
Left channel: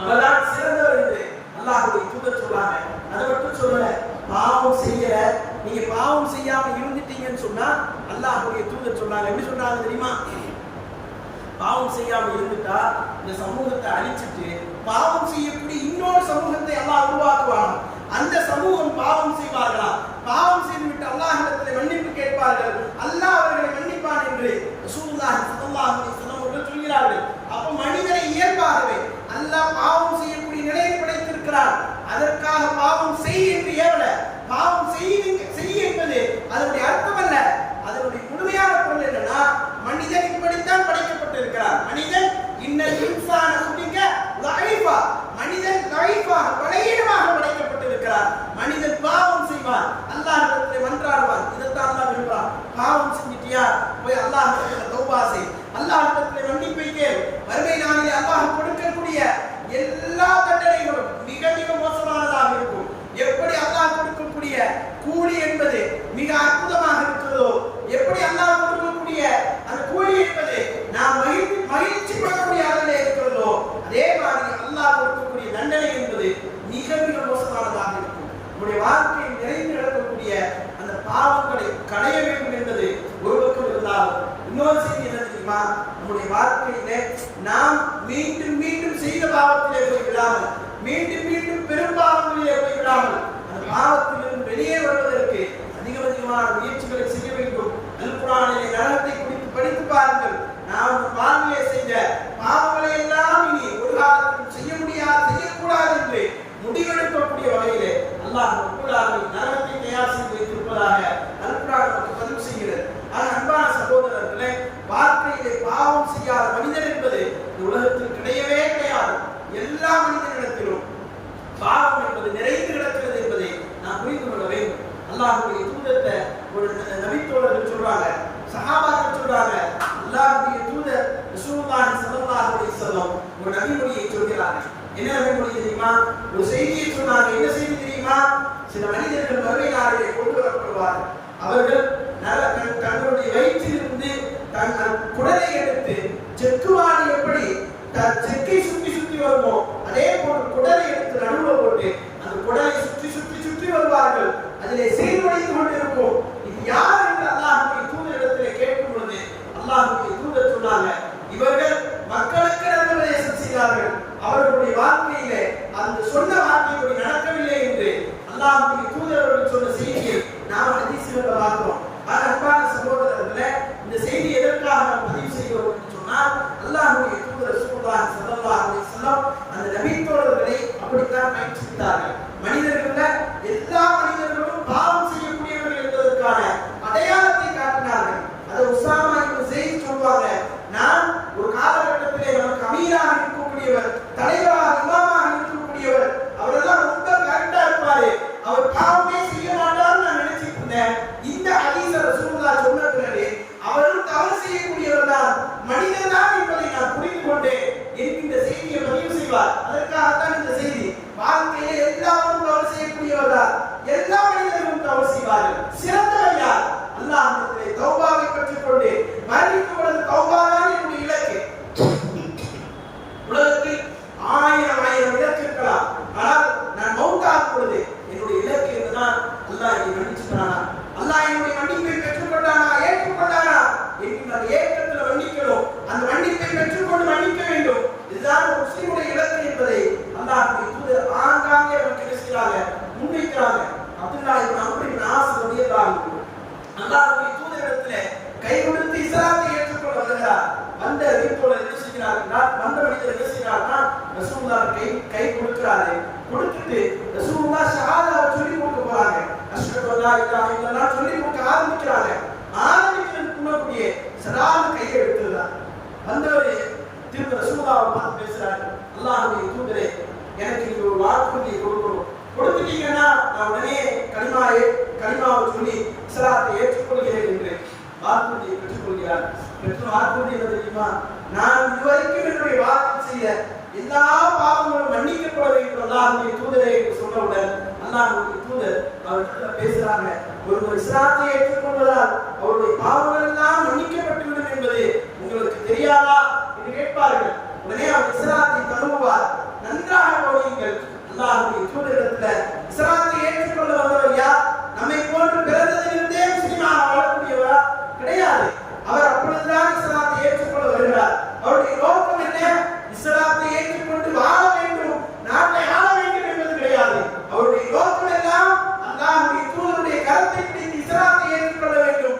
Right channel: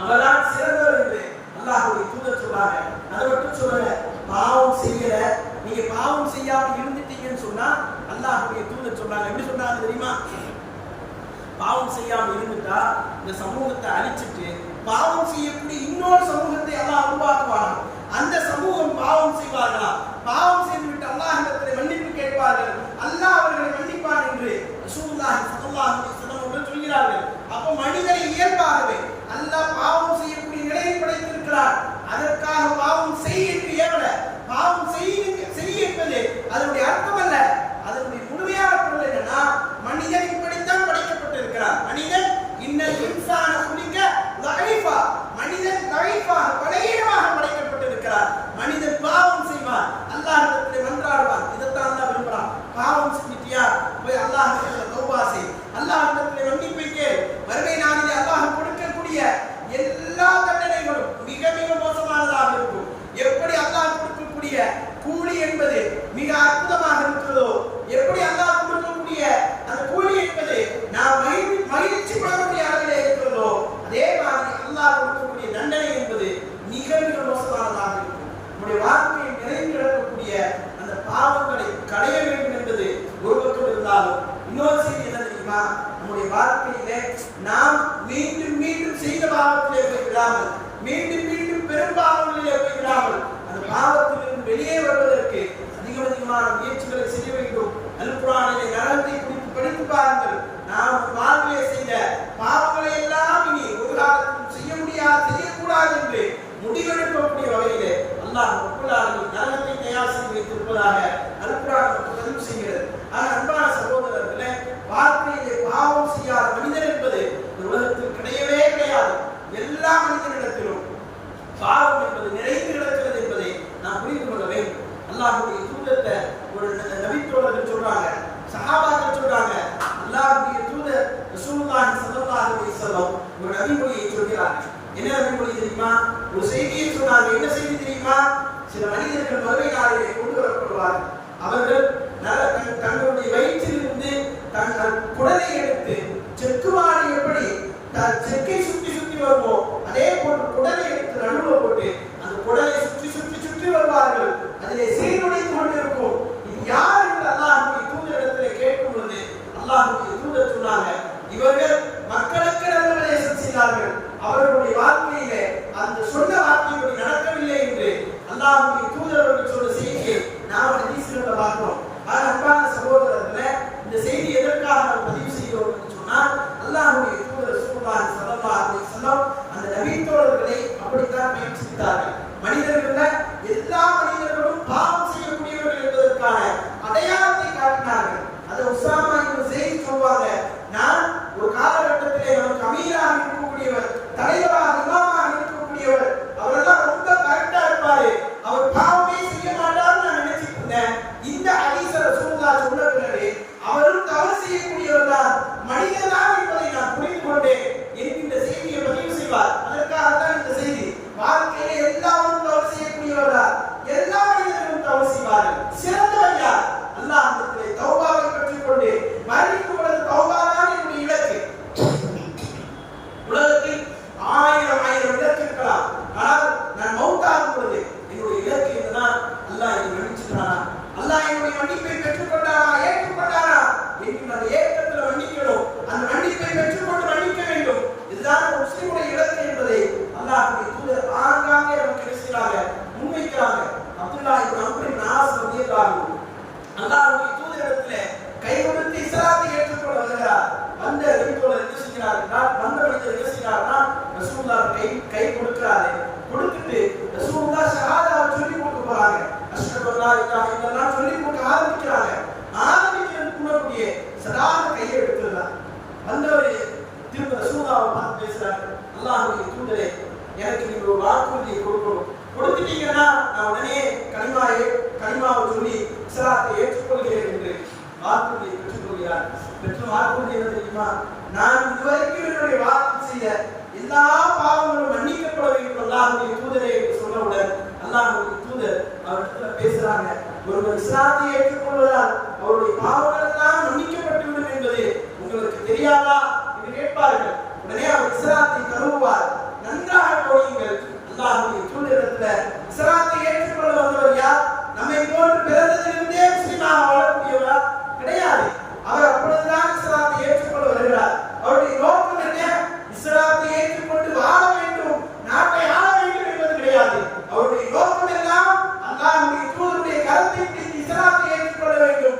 அவர்தான் சிறந்தவர் என்று அல்லாஹ்வுடைய தூதர் சொல்றாங்க. அதை மட்டும் சொல்லல, பாவம் செய்யல, நீங்க பாவம் செய்யாம இருந்துட்டீங்கன்னு சொன்னா அல்லாஹ்வுடைய தூதர் சொல்றாங்க. எப்படி சொல்றாங்க தெரியுமா? பாவம் செய்யாம இருந்துட்டா இந்த சமூகத்தை அழிச்சிட்டு பாவம் செய்யக்கூடிய இன்னொரு சமூகத்தை அல்லாஹ் உருவாக்குவானா. அந்த சமூகம் பாவம் செய்வார்களா, பாவம் செய்துவிட்டு அல்லாஹ்விடத்திலே மன்னிப்பு கேட்பார்கள், அல்லாஹ் அவர்களை மன்னிப்பான் என்று ரசூலுல்லாஹி ஸல்லல்லாஹு அலைஹி வஸல்லம் அவர்கள் சொல்கிறார்கள். அப்ப மனிதனை இயல்பாகவே அல்லாஹ் பாவம் செய்யக்கூடிய நிலையை படைத்திருக்கிறார். அதற்காக பாவம் செய் என்று ஏவல, பாவம் செய் என்பது அதனுடைய அர்த்தம் அல்ல. அதனுடைய முழுமையான பொருள் என்னன்னா, மனிதன் இப்படித்தான் படைக்கப்பட்டிருக்கிறார். மனிதன் இன்னல் இன்சான குலிக லைஃபா, மனிதன் லைஃபாக பலகீனமாக படைக்கப்பட்டிருக்கிறார். மனிதன் பாவம் செய்வான், அல்லாஹ்விடத்திலே மன்றாடுவான். இதைத்தான் அல்லாஹ் விரும்புறான். பாவம் செஞ்சிட்டியா, போய் அல்லாஹ்விடத்திலே தௌபா செய், அல்லாஹ்விடத்திலே மன்னிப்பை கேள். மறுமை நாளிலே அல்லாஹ் கொடுக்கக்கூடிய எல்லா தண்டனைகளும் மிக மிக மோசமானதாக இருக்கும். எப்படி அல்லாஹ் கொடுக்கக்கூடிய கூலி என்பது மிக அற்புதமாக இருக்கிறதோ, எப்படி அல்லாஹ் கொடுக்கக்கூடிய அந்த கூலி என்பது நாம் மகிழ்ச்சி படக்கூடிய அளவிலே இருக்கிறதோ, அதே மாதிரி அல்லாஹ் கொடுக்கக்கூடிய தண்டனை என்பது மிக மிக மோசமானதாக இருக்கும். நம்முடைய வாழ்க்கையை நிறைந்து கிடக்கக்கூடிய அந்த பாவங்களை களைய வேண்டும் என்பது ஒரு பக்கம் இருந்தாலும், இன்னொரு செய்தி என்ன தெரியுமா? நம்முடைய வாழ்க்கையிலே நாம் மீண்டும் மீண்டும் செய்த பாவத்திலே போய் விடாமல், மீண்டும் மீண்டும் பெரும் பாவங்களிலே போய் விடாமல், அந்த பாவத்திலிருந்து வெளியே வருவதற்கு அதிகமான முயற்சிகளை செய்ய வேண்டும். அல் குர்ஆனிலே நரகத்தை குறித்து படித்து பாருங்கள். நாம் வாழ்விலே செய்த பாவங்களை எல்லாம் இனி ஒரு காலத்திலும் செய்ய முடியாது, செய்யக்கூடாது என்று முடிவெடுக்கக்கூடிய வகையிலே அல்லாஹ் ரப்பல் ஆலமீன் நரகத்தை தயார் செய்து வைத்திருப்பதாக அல் குர்ஆன் நமக்கு பதிவு செய்கிறது. ஆனால் அன்பான சகோதரர்களே, வாழ்க்கையிலே பாவம் செய்யாத மனிதர் என்பது இந்த உலகத்தில் கிடையவே கிடையாது. எல்லா மனிதனிடத்திலும் பாவம் என்பது நிறைந்து கிடக்கிறது என்பதை நாம் புரிந்து கொள்ள வேண்டும். அல்லாஹ்வுடைய தூதத்தை ஒரு நபித்தோழர்கள் சொல்றாங்க, சஹாபாக்கள் சொல்றாங்க, அல்லாஹ்வுடைய தூதர் ரசூலுல்லாஹி ஸல்லல்லாஹு அலைஹி வஸல்லம் ஒரு நபிமொழியை சொல்கிறார்கள். என்ன நபிமொழி தெரியுமா? ஒரு செய்தியை சொன்னாங்க. என்ன செய்தி தெரியுமா? சில மனிதர்கள் மறுமை நாளிலே கொண்டு வரப்படுவார்கள். அவர்கள் தங்களுடைய வயிற்றிலிருந்து தங்கள் குடலை எடுத்து செக்குவாடி எப்படி செக்கை சுற்றி சுற்றி வருமோ அதே போன்று குடலை எடுத்து நடுவில் போட்டு அந்த குடலை சுற்றி சுற்றி சுற்றி வருவார்கள். அதிலே சீர்குலைந்து கொண்டு இருக்கும். இது யார் என்று அல்லாஹ்வுடைய தூதரிடத்திலே கேட்கும் பொழுது அல்லாஹ்வுடைய தூதர் சொன்னாங்க, இவர்கள் மக்களுக்கு நல்லுபதேசம் செய்தார்கள், அவர்களுடைய வாழ்க்கையிலே அந்த சொன்ன வார்த்தைப்படி நடக்கவில்லை என்று அல்லாஹ்வுடைய தூதர்கள் சொன்ன செய்தியை நாம் ஹதீஸ்ல பார்க்கிறோம். அன்பான சகோதரர்களே, இந்த செய்தி எதற்காக நாம் பதிவு செய்கிறோம் என்று சொன்னால், அல்லாஹ்வுடைய தூதர் ரசூலுல்லாஹி ஸல்லல்லாஹு அலைஹி வஸல்லம் அந்த நபித்தோழர்களை அப்படித்தான் பயிற்றுவித்தார்கள். மனிதர்கள எல்லா மனிதர்களும் பாவம் செய்யக்கூடியவர்கள் என்பதற்கான அடையாளத்தை காட்டினார்கள். அதை உசாமா இப்னு ஸெய்த் சொல்வாங்க, நான் ஒரு காலகட்டத்திலே நமக்கு அமீராக இருக்கக்கூடியவர், தலைவராக இமாமாக இருக்கக்கூடியவர், அவரெல்லாம் ரொம்ப கரெக்டா இருப்பாரு, அவர் பாவமே செய்ய மாட்டார்னு நான் நினைச்சிட்டு இருந்தேன். இந்த ஹதீஸ ரசூலுல்லாஹ் சொன்ன பிறகு அவரும் தவறு செய்யக்கூடியவர் தான், மனிதன் தான் என்பதை நான் புரிந்து கொண்டேன் என்கின்ற செய்தியை பதிவு செய்வார். அதற்காகத்தான் இந்த செய்தி. வாழ்க்கையில எல்லாரும் தவறு செய்யக்கூடியவர் தான், எல்லா மனிதர்களும் தவறு செய்வார்கள். சிறந்தவர் யார்? அல்லாஹ்விடத்திலே தௌபாவை பெற்றுக்கொண்டு மரணிக்கும் பொழுது தௌபா தான் என்னுடைய இலக்கு. உலகத்தில் ஆயிரம் இலக்கு இருக்கலாம், ஆனால் நான் மௌத்தாகும் பொழுது என்னுடைய இலக்கு என்னதான், அல்லாஹ் என்னை மன்னிச்சுட்டானா, அல்லாஹ் என்னுடைய மன்னிப்பை பெற்றுக்கொண்டானா, ஏற்றுக்கொண்டானா என்கின்ற அந்த ஏக்கத்தில் மன்னிக்கணும். அந்த மன்னிப்பை பெற்றுக்கொண்டு மன்னிக்க வேண்டும். இதுதான் ஒரு முஸ்லிமுடைய இலக்கு என்பதை அல்லாஹ்வுடைய தூதர் ஆங்காங்கே நமக்கு என்ன செய்யறாங்க, முன்வைக்கிறாங்க. அப்துல்லாஹ் இப்னு அம்ர் இப்னு ஆஸ் ரலியல்லாஹு அன்ஹு அல்லாஹ்வுடைய தூதரிடத்திலே கை கொடுத்து இஸ்லாத்தை ஏற்றுக்கொள்ள வருகிறார். வந்த நபித்தோழர் என்ன செய்கிறார்னா, வந்த மனிதர் என்ன செய்கிறார்னா, ரசூலுல்லாஹ் கை கொடுக்கிறாரு. கொடுத்துட்டு ரசூலுல்லாஹ் ஷஹாதாவை சொல்லி கொடுக்க போறாங்க. அஷ்ஹது அல்லா இலாஹா இல்லல்லாஹ் சொல்லி கொடுக்க ஆரம்பிக்கிறாங்க. வந்தவர் திரும்ப ரசூலுல்லாஹ்வை பார்த்து பேசுறாரு, அல்லாஹ்வுடைய தூதரே, எனக்கு நீங்க ஒரு வாக்குறுதியை கொடுக்கணும். கொடுத்துட்டீங்கன்னா நான் உடனே கலிமாவை சொல்லி இஸ்லாத்தை ஏற்றுக்கொள்கிறேன் என்று வாக்குறுதியை பெற்றுக்கொள்கிறார். பெற்ற வாக்குறுதி என்ன தெரியுமா? நான் இதுவரைக்கும் என்னுடைய வாக்கு செய்த எல்லா பாவங்களும் மன்னிக்கப்பட வேண்டும் அல்லாஹ்வுடைய தூதரே சொன்னவுடன் அல்லாஹ்வுடைய தூதர் அவரிடத்துல பேசுறாங்க, ஒருவர் இஸ்லாத்தை ஏற்றுக்கொள்வதால் அவருடைய பாவங்கள் எல்லாம் மன்னிக்கப்பட்டு விடும் என்பது உங்களுக்கு தெரியாதா என்று கேட்பார்கள். உடனே அவர் இஸ்லாத்தை தழுவுவார். நன்றாக கவனியுங்கள், அல்லாஹ்வுடைய தூதரிடத்துல இஸ்லாத்தை ஏற்றுக்கொள்ள வந்தவர் யார்? நம்மை போன்று பிறந்ததிலிருந்தே முஸ்லிமாக வாழக்கூடியவரா? கிடையாது. அவர் அப்பொழுதுதான் இஸ்லாத்தை ஏற்றுக்கொள்ள வருகிறார். அவருடைய நோக்கம் என்ன? இஸ்லாத்தை ஏற்றுக்கொண்டு வாழ வேண்டும், நாட்டை ஆள வேண்டும் என்பது கிடையாது. அவருடைய நோக்கம் எல்லாம் அல்லாஹ்வுடைய தூதருடைய கரத்தை பிடித்து இஸ்லாத்தை ஏற்றுக்கொள்ள வேண்டும்.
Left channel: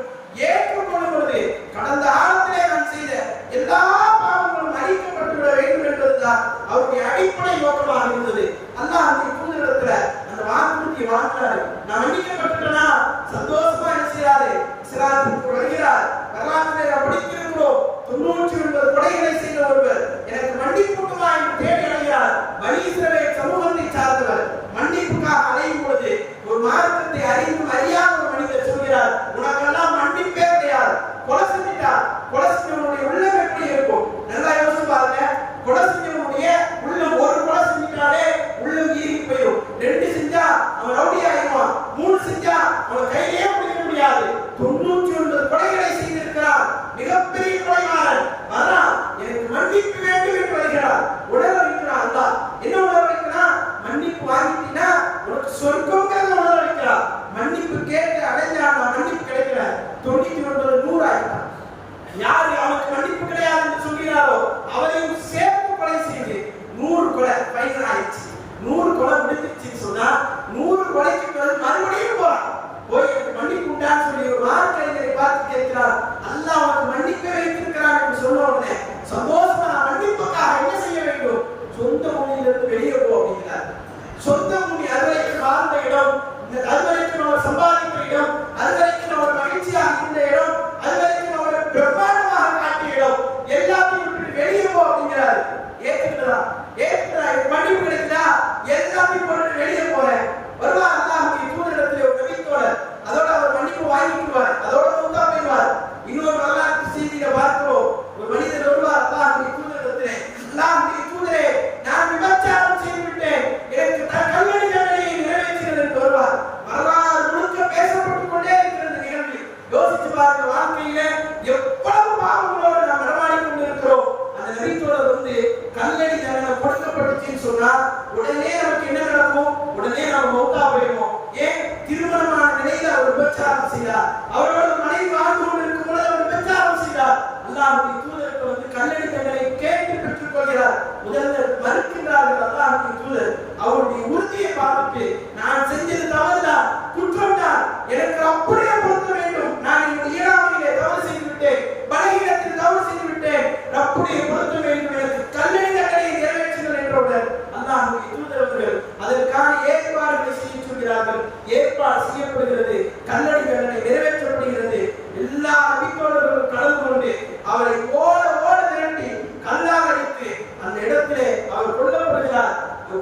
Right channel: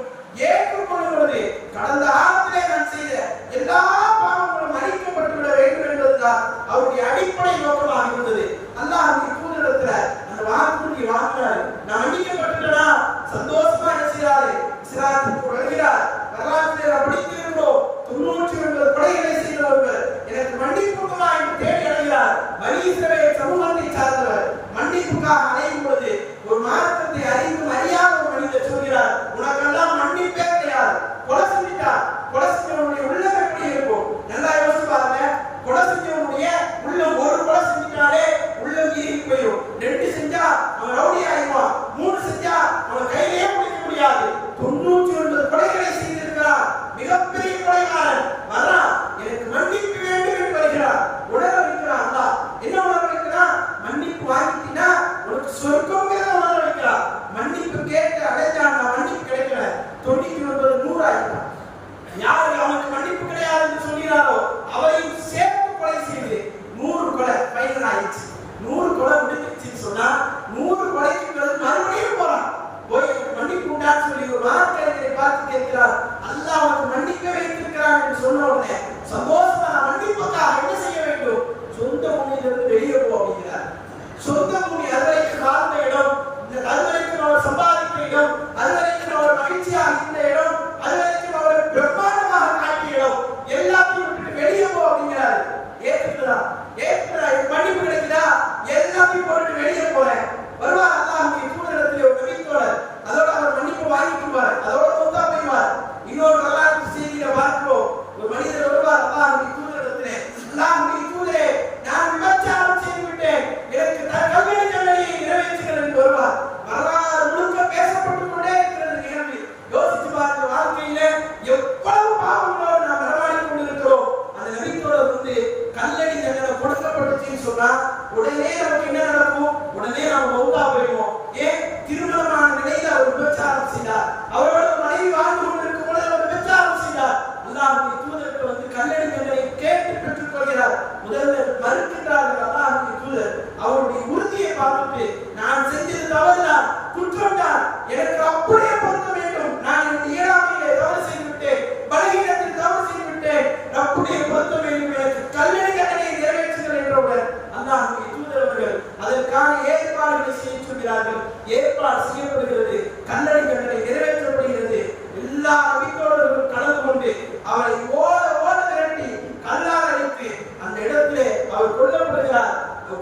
ஏற்றுக்கொள்ளும் பொழுது கடந்த காலத்திலே நான் செய்த எல்லா பாவங்களும் அழிக்கப்பட்டு விட வேண்டும் என்பதுதான் அவருடைய அடிப்படை நோக்கமாக இருந்தது. அல்லாஹ்வுடைய தூதரிடத்துல அந்த வாக்குறுதியை வாங்கினாரு. நான் மன்னிக்கப்பட்டுட்டேனா சந்தோஷமா என்ன செய்யாரு? இஸ்லாத்துக்கு வருகிறார். வரலாற்றிலே நாம் படித்திருக்கிறோம், 99 கொலைகளை செய்த ஒருவர் எனக்கு மன்னிப்புக்குமா என்று தேடி அடைகிறார். பனி இஸ்ரவேல் சமூகத்தை சார்ந்தவர். மன்னிப்புக்காக அலையும் பொழுது ஒரு மார்க்கத்தை அறிந்தும் அறியாத ஒரு மனிதர் சொல்கிறார், உனக்கெல்லாம் மன்னிப்பே கிடையாது. கொலை செஞ்சிட்டார். கொலை செஞ்சவனுடைய உள்ளம் எப்படி இருக்கும்? நல்லா யோசிச்சு பாருங்க. கொலை செஞ்சவனுடைய உள்ளம், ஒரு கொலை செஞ்சிட்டாலே உள்ளம் ஈர்க்கி போயிடும். 2 செஞ்சா அவன் ரவுடி ஆயிடுவான். 3 செஞ்சா அவன் கையிலேயே பிடிக்க முடியாது. 99 கொலைகளை செய்திருக்கிறார். மிகப்பெரிய கொலைகாரன் வர்றான், எனக்கு மன்னிப்பு வேண்டும் என்று வருகிறார். உணர வைக்கிறான். அல்லாஹ் என்ன உணர வைக்கிறான்? மன்னிப்பு வாங்கிட்டீனா உனக்கு சொர்க்கம்ங்கிறத உணர வைக்கிறார். மன்னிப்பு கேட்டு அடைஞ்சான், மன்னிப்பு கிடைக்கல, 99 100 ஆகிட்டான். யாரு அவனுக்கு மன்னிப்பு கிடையாது என்று சொல்கிறாரோ அவரையும் சேர்த்து கொலை செய்து 100 கொலை ஃபைனல் ஆயிடுச்சு. 100 கொலை முடிஞ்சிருச்சுன்னு சொன்னா 100 கொலைக்கு பிறகு மறுபடியும் போறான். போய் எனக்கு மன்னிப்பு உண்டான்னு சொல்லி ஒரு மார்க்கறிஞரை பார்த்து கேட்கிறார், அல்லாஹ் உனக்கு மன்னிப்பை வைத்திருக்கிறான் என்று சொன்ன உடனே சந்தோஷமா நான் மன்னிப்புக்காக என்ன செய்ய வேண்டும்? சொந்த பூமியிலிருந்து வெளியே போ அப்படிங்கிறார். சொந்த பூமி அதுவரைக்கும் வாழ்ந்த இடம், அதுவரைக்கும் அவர் சம்பாதித்த இடம், அதுவரைக்கும் அவர் மகிழ்ச்சியாக இருந்த இடம், அதுவரைக்கும் அவர் பிரம்மாண்டமாக காட்டிய இடம், எல்லாத்தையும் விட்டுட்டு வெளியே போ அப்படிங்கிறாரு. ஏற்றுக்கிறா மன்னிப்பு கிடைக்குதா? எல்லாத்தையும் போட்டு வெளியே போறேன். வருவார் அல்லாஹ்வுடைய தூதரிடத்திலே ஒரு நபித்தோழர், அதோட அவர் மன்னிப்பு வாங்கிக்குவார், அதோட மௌத்தா போய்வார். இன்னொரு வரலாற்று செய்தியில பார்க்கிறோம், ஒரு மனிதர் வருவார் அல்லாஹ்வுடைய தூதரிடத்திலே, அல்லாஹ்வுடைய தூதரே, நான் விபச்சாரம் செய்து விட்டேன், எனக்கு கல்லடி தண்டனையை நிறைவேற்றுங்கள் என்று வருவார். வரலாறு முழுக்க பேசப்பட்டுக் கொண்டே இருக்கிறது நிகழ்வு. யோசிச்சு பாருங்க, வாழ்க்கையில எவ்வளவு பாவங்களோடு நாம் நடமாடி கொண்டிருக்கிறோம். அந்த நபித்தோழர் வந்து கல்லடி தண்டனை கொடுக்கப்பட்டுச்சுன்னு சொன்னா உடனே நமக்கு என்ன நடக்கும்? உடனே நாம் மௌத்தா போயிடுவோம். ஏன்? திருமணமான நிலையில் அவர் விபச்சாரம் செய்தார். அவரோட மனைவி வாழ்ந்து கொண்டிருக்கும் பொழுது அவர் விபச்சாரம் செய்தார். அல்லாஹ்வுடைய தூதருக்கு வந்து கல்லடி தண்டனை கேட்டு பெற்றுக் கொள்கிறார். முதல்ல மறுக்கின்றார்கள் அல்லாஹ்வுடைய தூதர். அவருடைய உறுதியை பார்த்துட்டு, நான் செஞ்சது தவறுதான், குற்றம் தான், எனக்கு அப்படியே பொருத்த வேண்டும். நான் என்னுடைய இயலாமையிலே தவறு செய்து விட்டேன், பலகீனத்தில் தவறு செய்து விட்டேன், அப்படியே பொருத்த வேண்டும், எனக்கு கல்லடி தண்டனையை நிறைவேற்றுங்கள் என்றவுடன் அல்லாஹ்வுடைய தூதர் அவர்கள் அதற்கான ஏற்பாடுகளை செய்ய சொல்கிறார்கள். ஏற்பாடு செய்யப்படுகிறது, கல்லடி தண்டனை நிறைவேற்றப்படுகிறது. எல்லா நபித்தோழர்களும் கலந்து கொண்டு அவரை ஓட ஓட விரட்டி கல்லால் அடித்து அந்த இடத்திலே அவர் கொல்லப்படுகிறார்.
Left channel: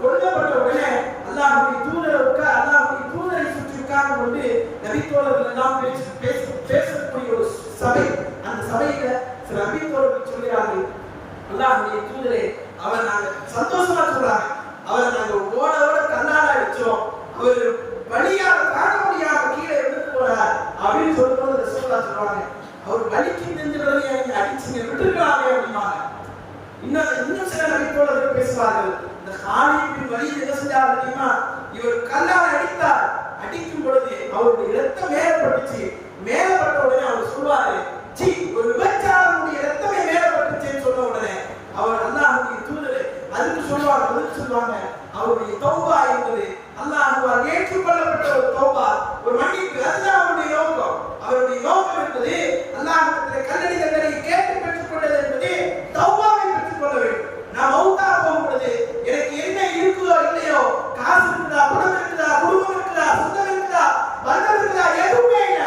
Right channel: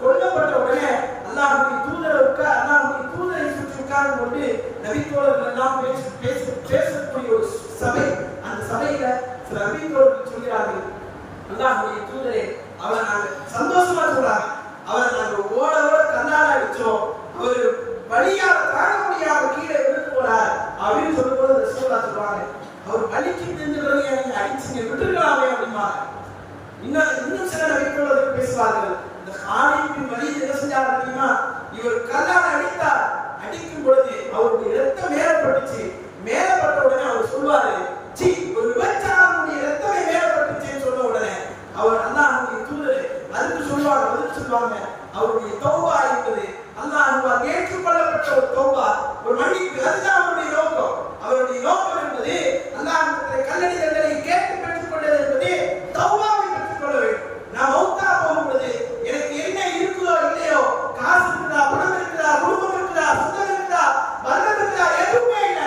கொல்லப்பட்ட உடனே அல்லாஹ்வுடைய தூதரை சுற்றி உட்கார்ந்து கொண்டு நபித்தோழர்கள் எல்லாம் பேசக்கூடிய ஒரு சபை. அந்த சபையில சில நபித்தோழர்கள் சொல்கிறார்கள், அல்லாஹ்வுடைய தூதரே, அவரை நாங்க சந்தோஷமா சொல்றாங்க, அவரை நாங்க ஓட ஓட கண்ணால அடிச்சோம், அவர் வலியால தாங்க முடியாம கீழே விழுந்து போனார் அப்படின்னு சொல்லும்போது ரசூலுல்லாஹ் சொல்றாங்க, அவர் வலிக்கு தெரிஞ்ச பிறகு நீங்க அடிச்சீங்க, விட்டுருக்கலாமே அப்படிம்பாங்க. இன்னும் சில நபித்தோழர்கள் பேசுவார்கள், இந்த காலித் பின் வலீத் என்ன செஞ்சார் தெரியுமா? இவர் கல்லால் அடித்தார். அடிக்கும் பொழுது அவருடைய இரத்தம் மேலப்பட்டுச்சு. மேலப்பட்ட உடனே அவர் சொல்வாரு, சி, ஒரு விபச்சாரனுடைய இரத்தமே மேலப்பட்டுச்சுன்னு சொன்ன உடனே அவர் அல்லாஹ்வுடைய தூதர் அதுக்கு சொல்லுவாங்க, அவருடைய தௌபா என்பது அல்லாஹ்வால் ஏற்றுக்கொள்ளப்பட்ட ஒரு தௌபா, ஒரு மன்னிப்பு. அதுதான் அவருடைய நோக்கம். அவருடைய நோக்கம் என்பது அல்லாஹ்விடத்தில் கல்லடி தண்டனையை கேட்டு பெற்றுக் கொண்டது என்பது தௌபாவை பெற்றுக் கொள்ள வேண்டும். நான் மௌத்தா போகும் பொழுது எனக்கு என்ன இருக்குதோ இல்லையோ, காசு இருக்குதா, பணம் இருக்குதா, குடும்பம் இருக்குதா, சொந்தம் இருக்குதா, பந்தம் இருக்குதா, எதுவுமே இல்லை.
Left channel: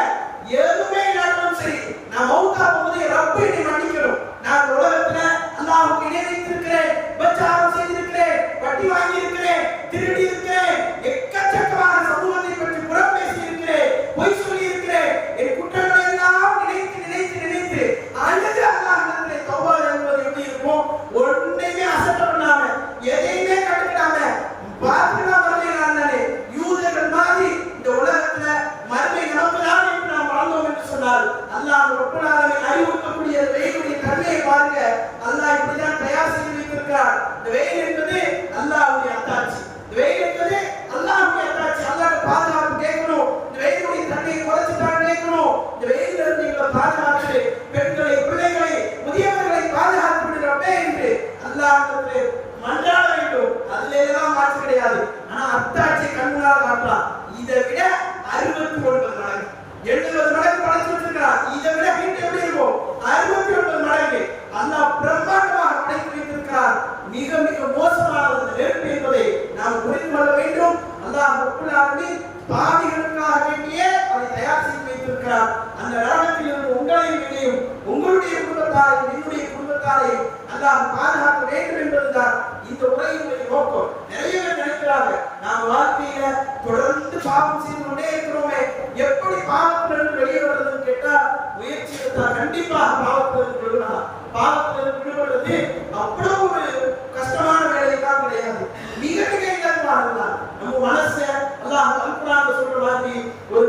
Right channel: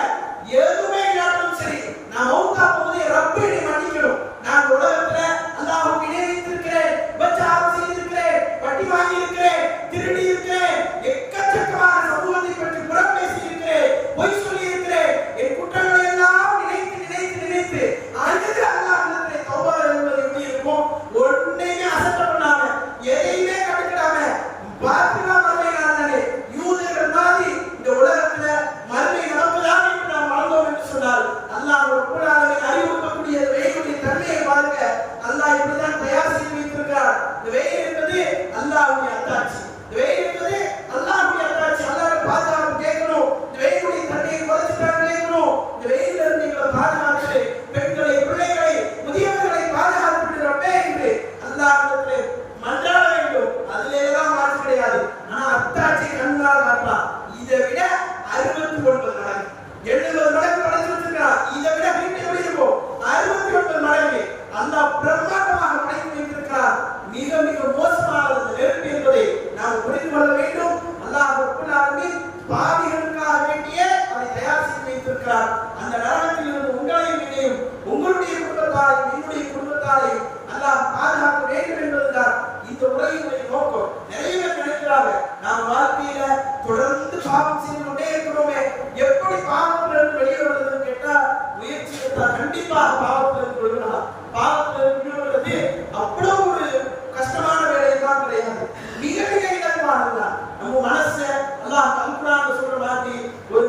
வைத்திருக்கிறான். அந்த நரகத்தில் இருந்து உங்களையும் என்னையும், உங்களுடைய குடும்பத்தாரையும் என்னுடைய குடும்பத்தாரையும் அல்லாஹ் பாதுகாக்க வேண்டும் என்பதுதான் இந்த உரையினுடைய நோக்கம். நிறைய பேர் நினைக்கிறாங்க, நாம் வாழ்க்கையில தொடர்ந்து பாவம் செய்து கொண்டே இருக்கிறோமே, எப்படி பாவத்திலிருந்து வெளியே வருவதுன்னு கேட்டா, முயற்சி எடுத்தால் கண்டிப்பாக பாவத்திலிருந்து விடுபடலாம். பாவத்திலிருந்து விடுபடுறது அவ்வளவு ஒரு கஷ்டமான வேலையெல்லாம் கிடையாது, மிக மிக இலகுவானதுதான். நம்ம மனசை அல்லாஹ் அல்குர்ஆன்ல சொல்ற மாதிரி ஒரு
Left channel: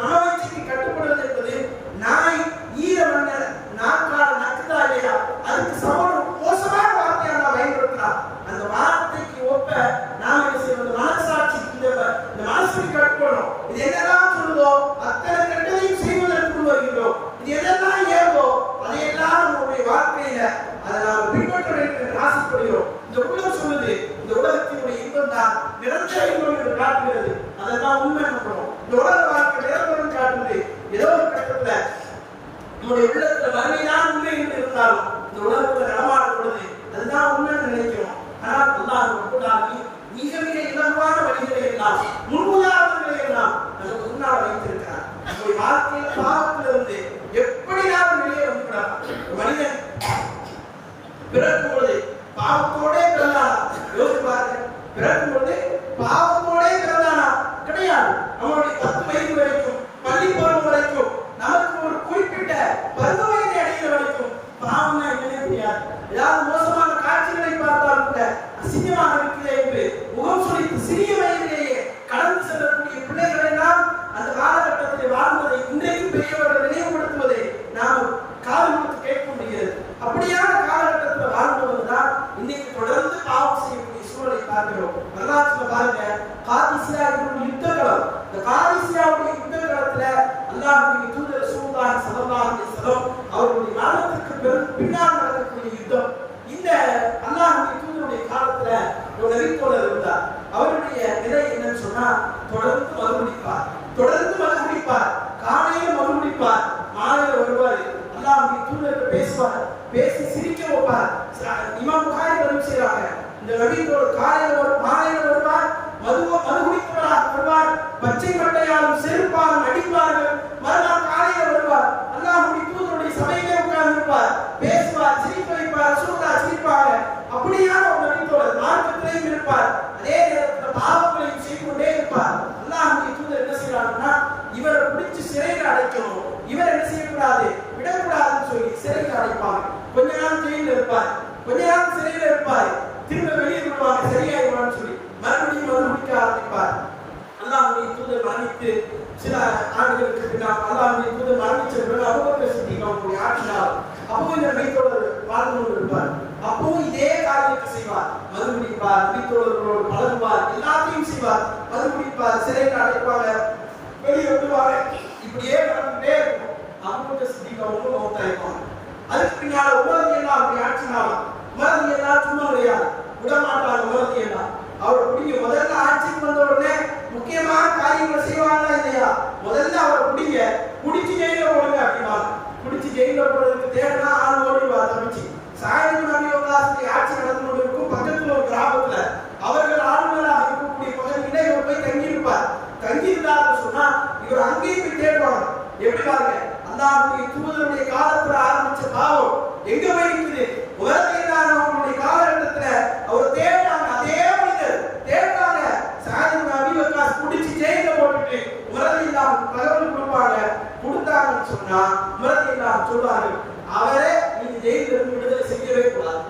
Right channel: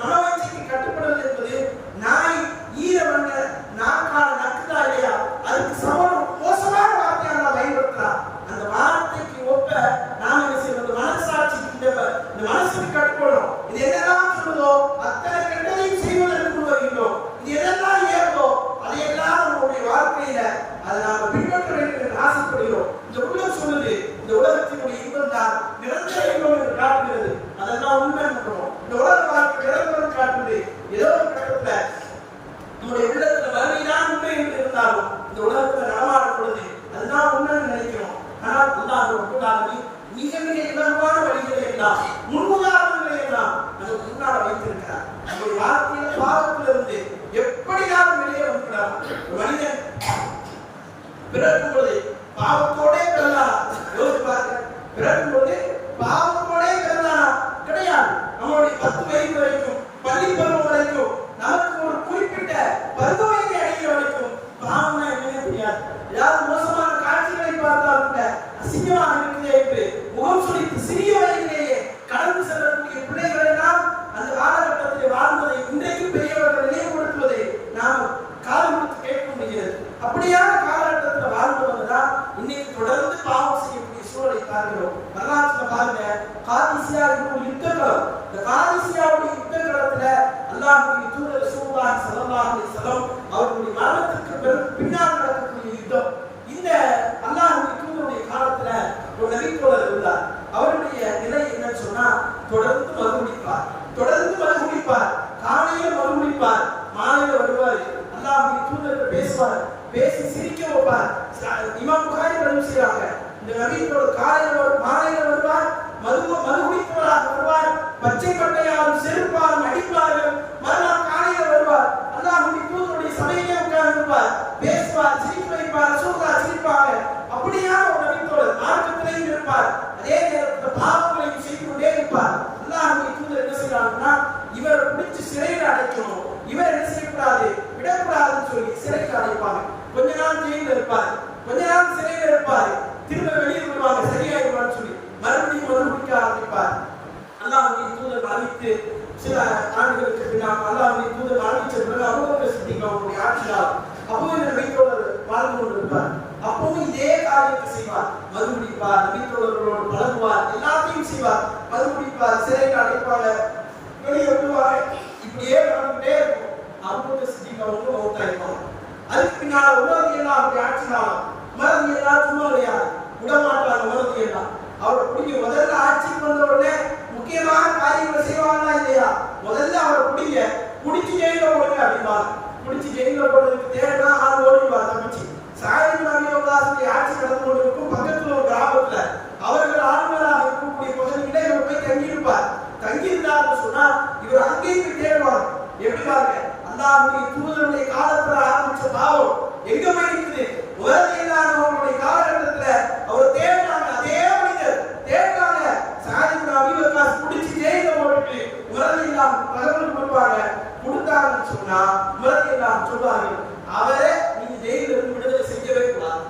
மனோவீச்சைக்கு கட்டுப்படுவது என்பது நாய் ஈரமண்ண நாக்கால நக்குதா இல்லையா, அதுக்கு சமமான மோசமான வார்த்தையை அல்லாஹ் பயன்படுத்துறான். அந்த வார்த்தைக்கு ஒப்ப நாம் என்ன செய்யணும், இந்த மனசாட்சி, இந்த மனசுக்கு கட்டுப்படணும். இது என்னதான் சொல்லுதோ அத்தனை கெட்டதையும் செய்வதற்கு வருகின்றோம். இது எதெல்லாம் ஏறுதோ அதையெல்லாம் நம்முடைய வாழ்க்கையில அதை நாம் பின்பற்ற வேண்டும் என்று ஆசைப்படுகிறோம். இந்த உள்ளம் சொல்லுது, இந்த உலகத்தினுடைய இன்பம் தான் நிரந்தர இன்பம் என்று காட்டுகிறது. அதெல்லாம் உண்மை நம்பணும். இந்த உலக வாழ்க்கை நிரந்தரம் காட்டுது. ஏதோ ஒரு கட்டத்துல நம்முடைய உள்ளத்துல மறுமைதான் உண்மை என்று இருந்தாலும் இந்த உலகத்துல நடமாடும் பொழுது அதுதான் உண்மைன்னு நினைக்கிறோம். ஆனால் அல்லாஹ் ரப்பல் ஆலமீன் மிக மிக இலகுவான வழிகளை எல்லாம், முன்னுதாரணங்களை எல்லாம் நமக்கு முன்னால் வைத்திருக்கிறார். நம்முடைய வாழ்க்கையில பாவத்திலிருந்து எப்படி நாம் வெளியே வந்துவிடலாம். ஒரு மனிதன் பிறக்கும் பொழுது பாவத்தோடே பிறந்தானா? யோசிச்சு பாருங்க. பிறக்கும் பொழுது பாவத்தோடே பிறந்தானா? கிடையாது. நம்மளுடைய 10 வயது வரைக்கும், பள்ளி பருவம் வரைக்கும், நமக்கு ஒரு குறிப்பிட்ட பருவ வயதை அடைகிற வரைக்கும் பாவம்னா என்னன்னு தெரியாது. ஏதாவது மோசமான காட்சிகளை பார்த்தால் கூட அசிங்கமாக இருக்கிறே என்று முகம் சுளித்து சிறிய வயதிலேயே கடந்து செல்லக்கூடிய பிள்ளைகளை எல்லாம் அந்த காலகட்டத்திலே வாழ்ந்ததை இன்றைக்கும் பெரியவர்கள் நினைவுபடுத்துவதை நாம் காது கொடுத்து கேட்க முடிகிறது. அப்படியான காலகட்டத்தில் வாழ்ந்தவங்கதான் இன்னைக்கு தொடர்ந்து பாவம் செய்யக்கூடிய சூழலை பார்க்கிறோம். வரலாற்றுல பாருங்க, காதிசியா ஒரு யுத்த களம். இந்த காதிசியாவுடைய யுத்த களத்துல அல்லாஹ்வுடைய தூதர் ரசூலுல்லாஹி ஸல்லல்லாஹு அலைஹி வஸல்லம் அவர்களுடைய மரணத்திற்கு பின்னால் நடக்கக்கூடிய யுத்தம். இந்த அல்லாஹ்வுடைய தூதருடைய காலத்துல ஒரு நபித்தோழர் இருந்தார். அவருடைய நிலை என்னன்னு சொன்னா, தொடர்ந்து மது குடிப்பார், தொடர்ந்து மது குடிப்பார். காலையில மது குடிப்பார், மாலையில வருவார், அல்லாஹ்வுடைய தூதர் பேசுவார், பேசி சிரிக்க வைப்பார். இமாம் புகாரி பதிவு செய்றாங்க, இந்த நபித்தோழர் காலையில மாலையில வருவார், மது குடித்தவராக வருவார், பச்சை பட்டையாலும் செருப்பாலும் அடிப்பார்கள். மறுநாள் காலையில வருவார், அல்லாஹ்வுடைய தூதருடைய சபையிலே உட்கார்ந்து இருப்பார், பேசுவார், சிரிக்க வைப்பார், ரசூலுல்லாஹ் சிரிப்பாங்க. அப்படியான ஒரு நபித்தோழர் மார்க்கத்திலேயும் இருப்பார், அதே நேரத்தில் பாவங்களையும் செய்து கொண்டே இருப்பார். அல்லாஹ்வுடைய தூதர் என்ன செய்யறாங்கன்னா, இவரை பிடிச்சு சிறையில் அடைக்கணும், இவர் என்ன செய்யக்கூடாது, விடக்கூடாதுன்னு சொல்லி சிறையில் அடைப்பாங்க. கொஞ்ச நாள் ஜெயில இருப்பாரு, கொஞ்ச நாள் சிறையில இருப்பாரு, திரும்ப வெளியே விடுவாங்க, சரியாயிடுவான்னு சொல்லி மறுபடியும் மது குடிக்க ஆரம்பிப்பார். அல்லாஹ்வுடைய தூதர் மரணித்து சில ஆண்டுகளுக்கு பின்னால் அல்லாஹ்வுடைய தூதர் மரணிச்ச பிறகு அபூபக்கர் சித்திக் அவருடைய ஆட்சியாளர். அப்பவும் இந்த நபித்தோழர் வாழ்ந்து கொண்டிருப்பார். அப்பவும் இதே காரியத்தை செய்வார், மது குடிப்பார், நபித்தோழர்களோடு பழகுவார், எல்லாத்தையும் செய்வார், மது குடிப்பார், சிறையில் அடைப்பாங்க, வெளியே விடுவாங்க. இப்படியே நடந்துகிட்டே இருக்கும். அபூபக்கர் சித்திக் அவங்க மௌத்தாயிருப்பாங்க. அதுக்கு பின்னால உமர் ரலியல்லாஹு அவருடைய ஆட்சியாளர். உமர் ரலியல்லாஹு சும்மா கிடையாது, விடமாட்டாங்க. உமர் ரலியல்லாஹு அவர் பிடிங்க, முதல்ல ஆட்சிக்கு வந்த உடனே முக்கியமான காரியங்களை செய்வாங்களா இல்லையா, முதல்ல அவரை பிடிங்க, பிடிச்சி ஜெயில போடுங்க அப்படிம்பாங்க. பிடிச்சி ஜெயில போடுறதுக்கு தேவைன்னா ஆள் ஓடிடுவார் தப்பிச்சு. சாயித் இப்னு அபீ வக்காஸுடைய ஆட்சி நடந்து கொண்டிருக்கும் பக்கத்துல ஒரு கிராமத்துல அவர்கள் ஆளுநராக இருக்கக்கூடிய பகுதியில இவர் போய் தங்கியிருப்பார். தங்கியிருந்தாருன்னு சொன்னா இவர் அங்கேயும் போய் தேடுவாங்க. எப்படி பாருங்க, அல்லாஹ்வுடைய தூதருடைய காலத்துல ஆரம்பிச்ச பாவம் எங்க போய் நிக்குது? அவருடைய காலகட்டத்துல அவர் தேடுறாங்க, அதே மனிதர் தேடுறாங்க. சாயித் இப்னு அபீ வக்காஸ் பிடிச்சி ஜெயில போட்டுட்டு உமரலில்லாஹ் தகவல் கொடுப்பாங்க. கொடுத்தாங்கன்னு சொன்னா உமரலில்லாஹ் சொல்வார்கள், அவரை நீங்க ஜெயில இருந்து விடுதலை செய்யவே கூடாது,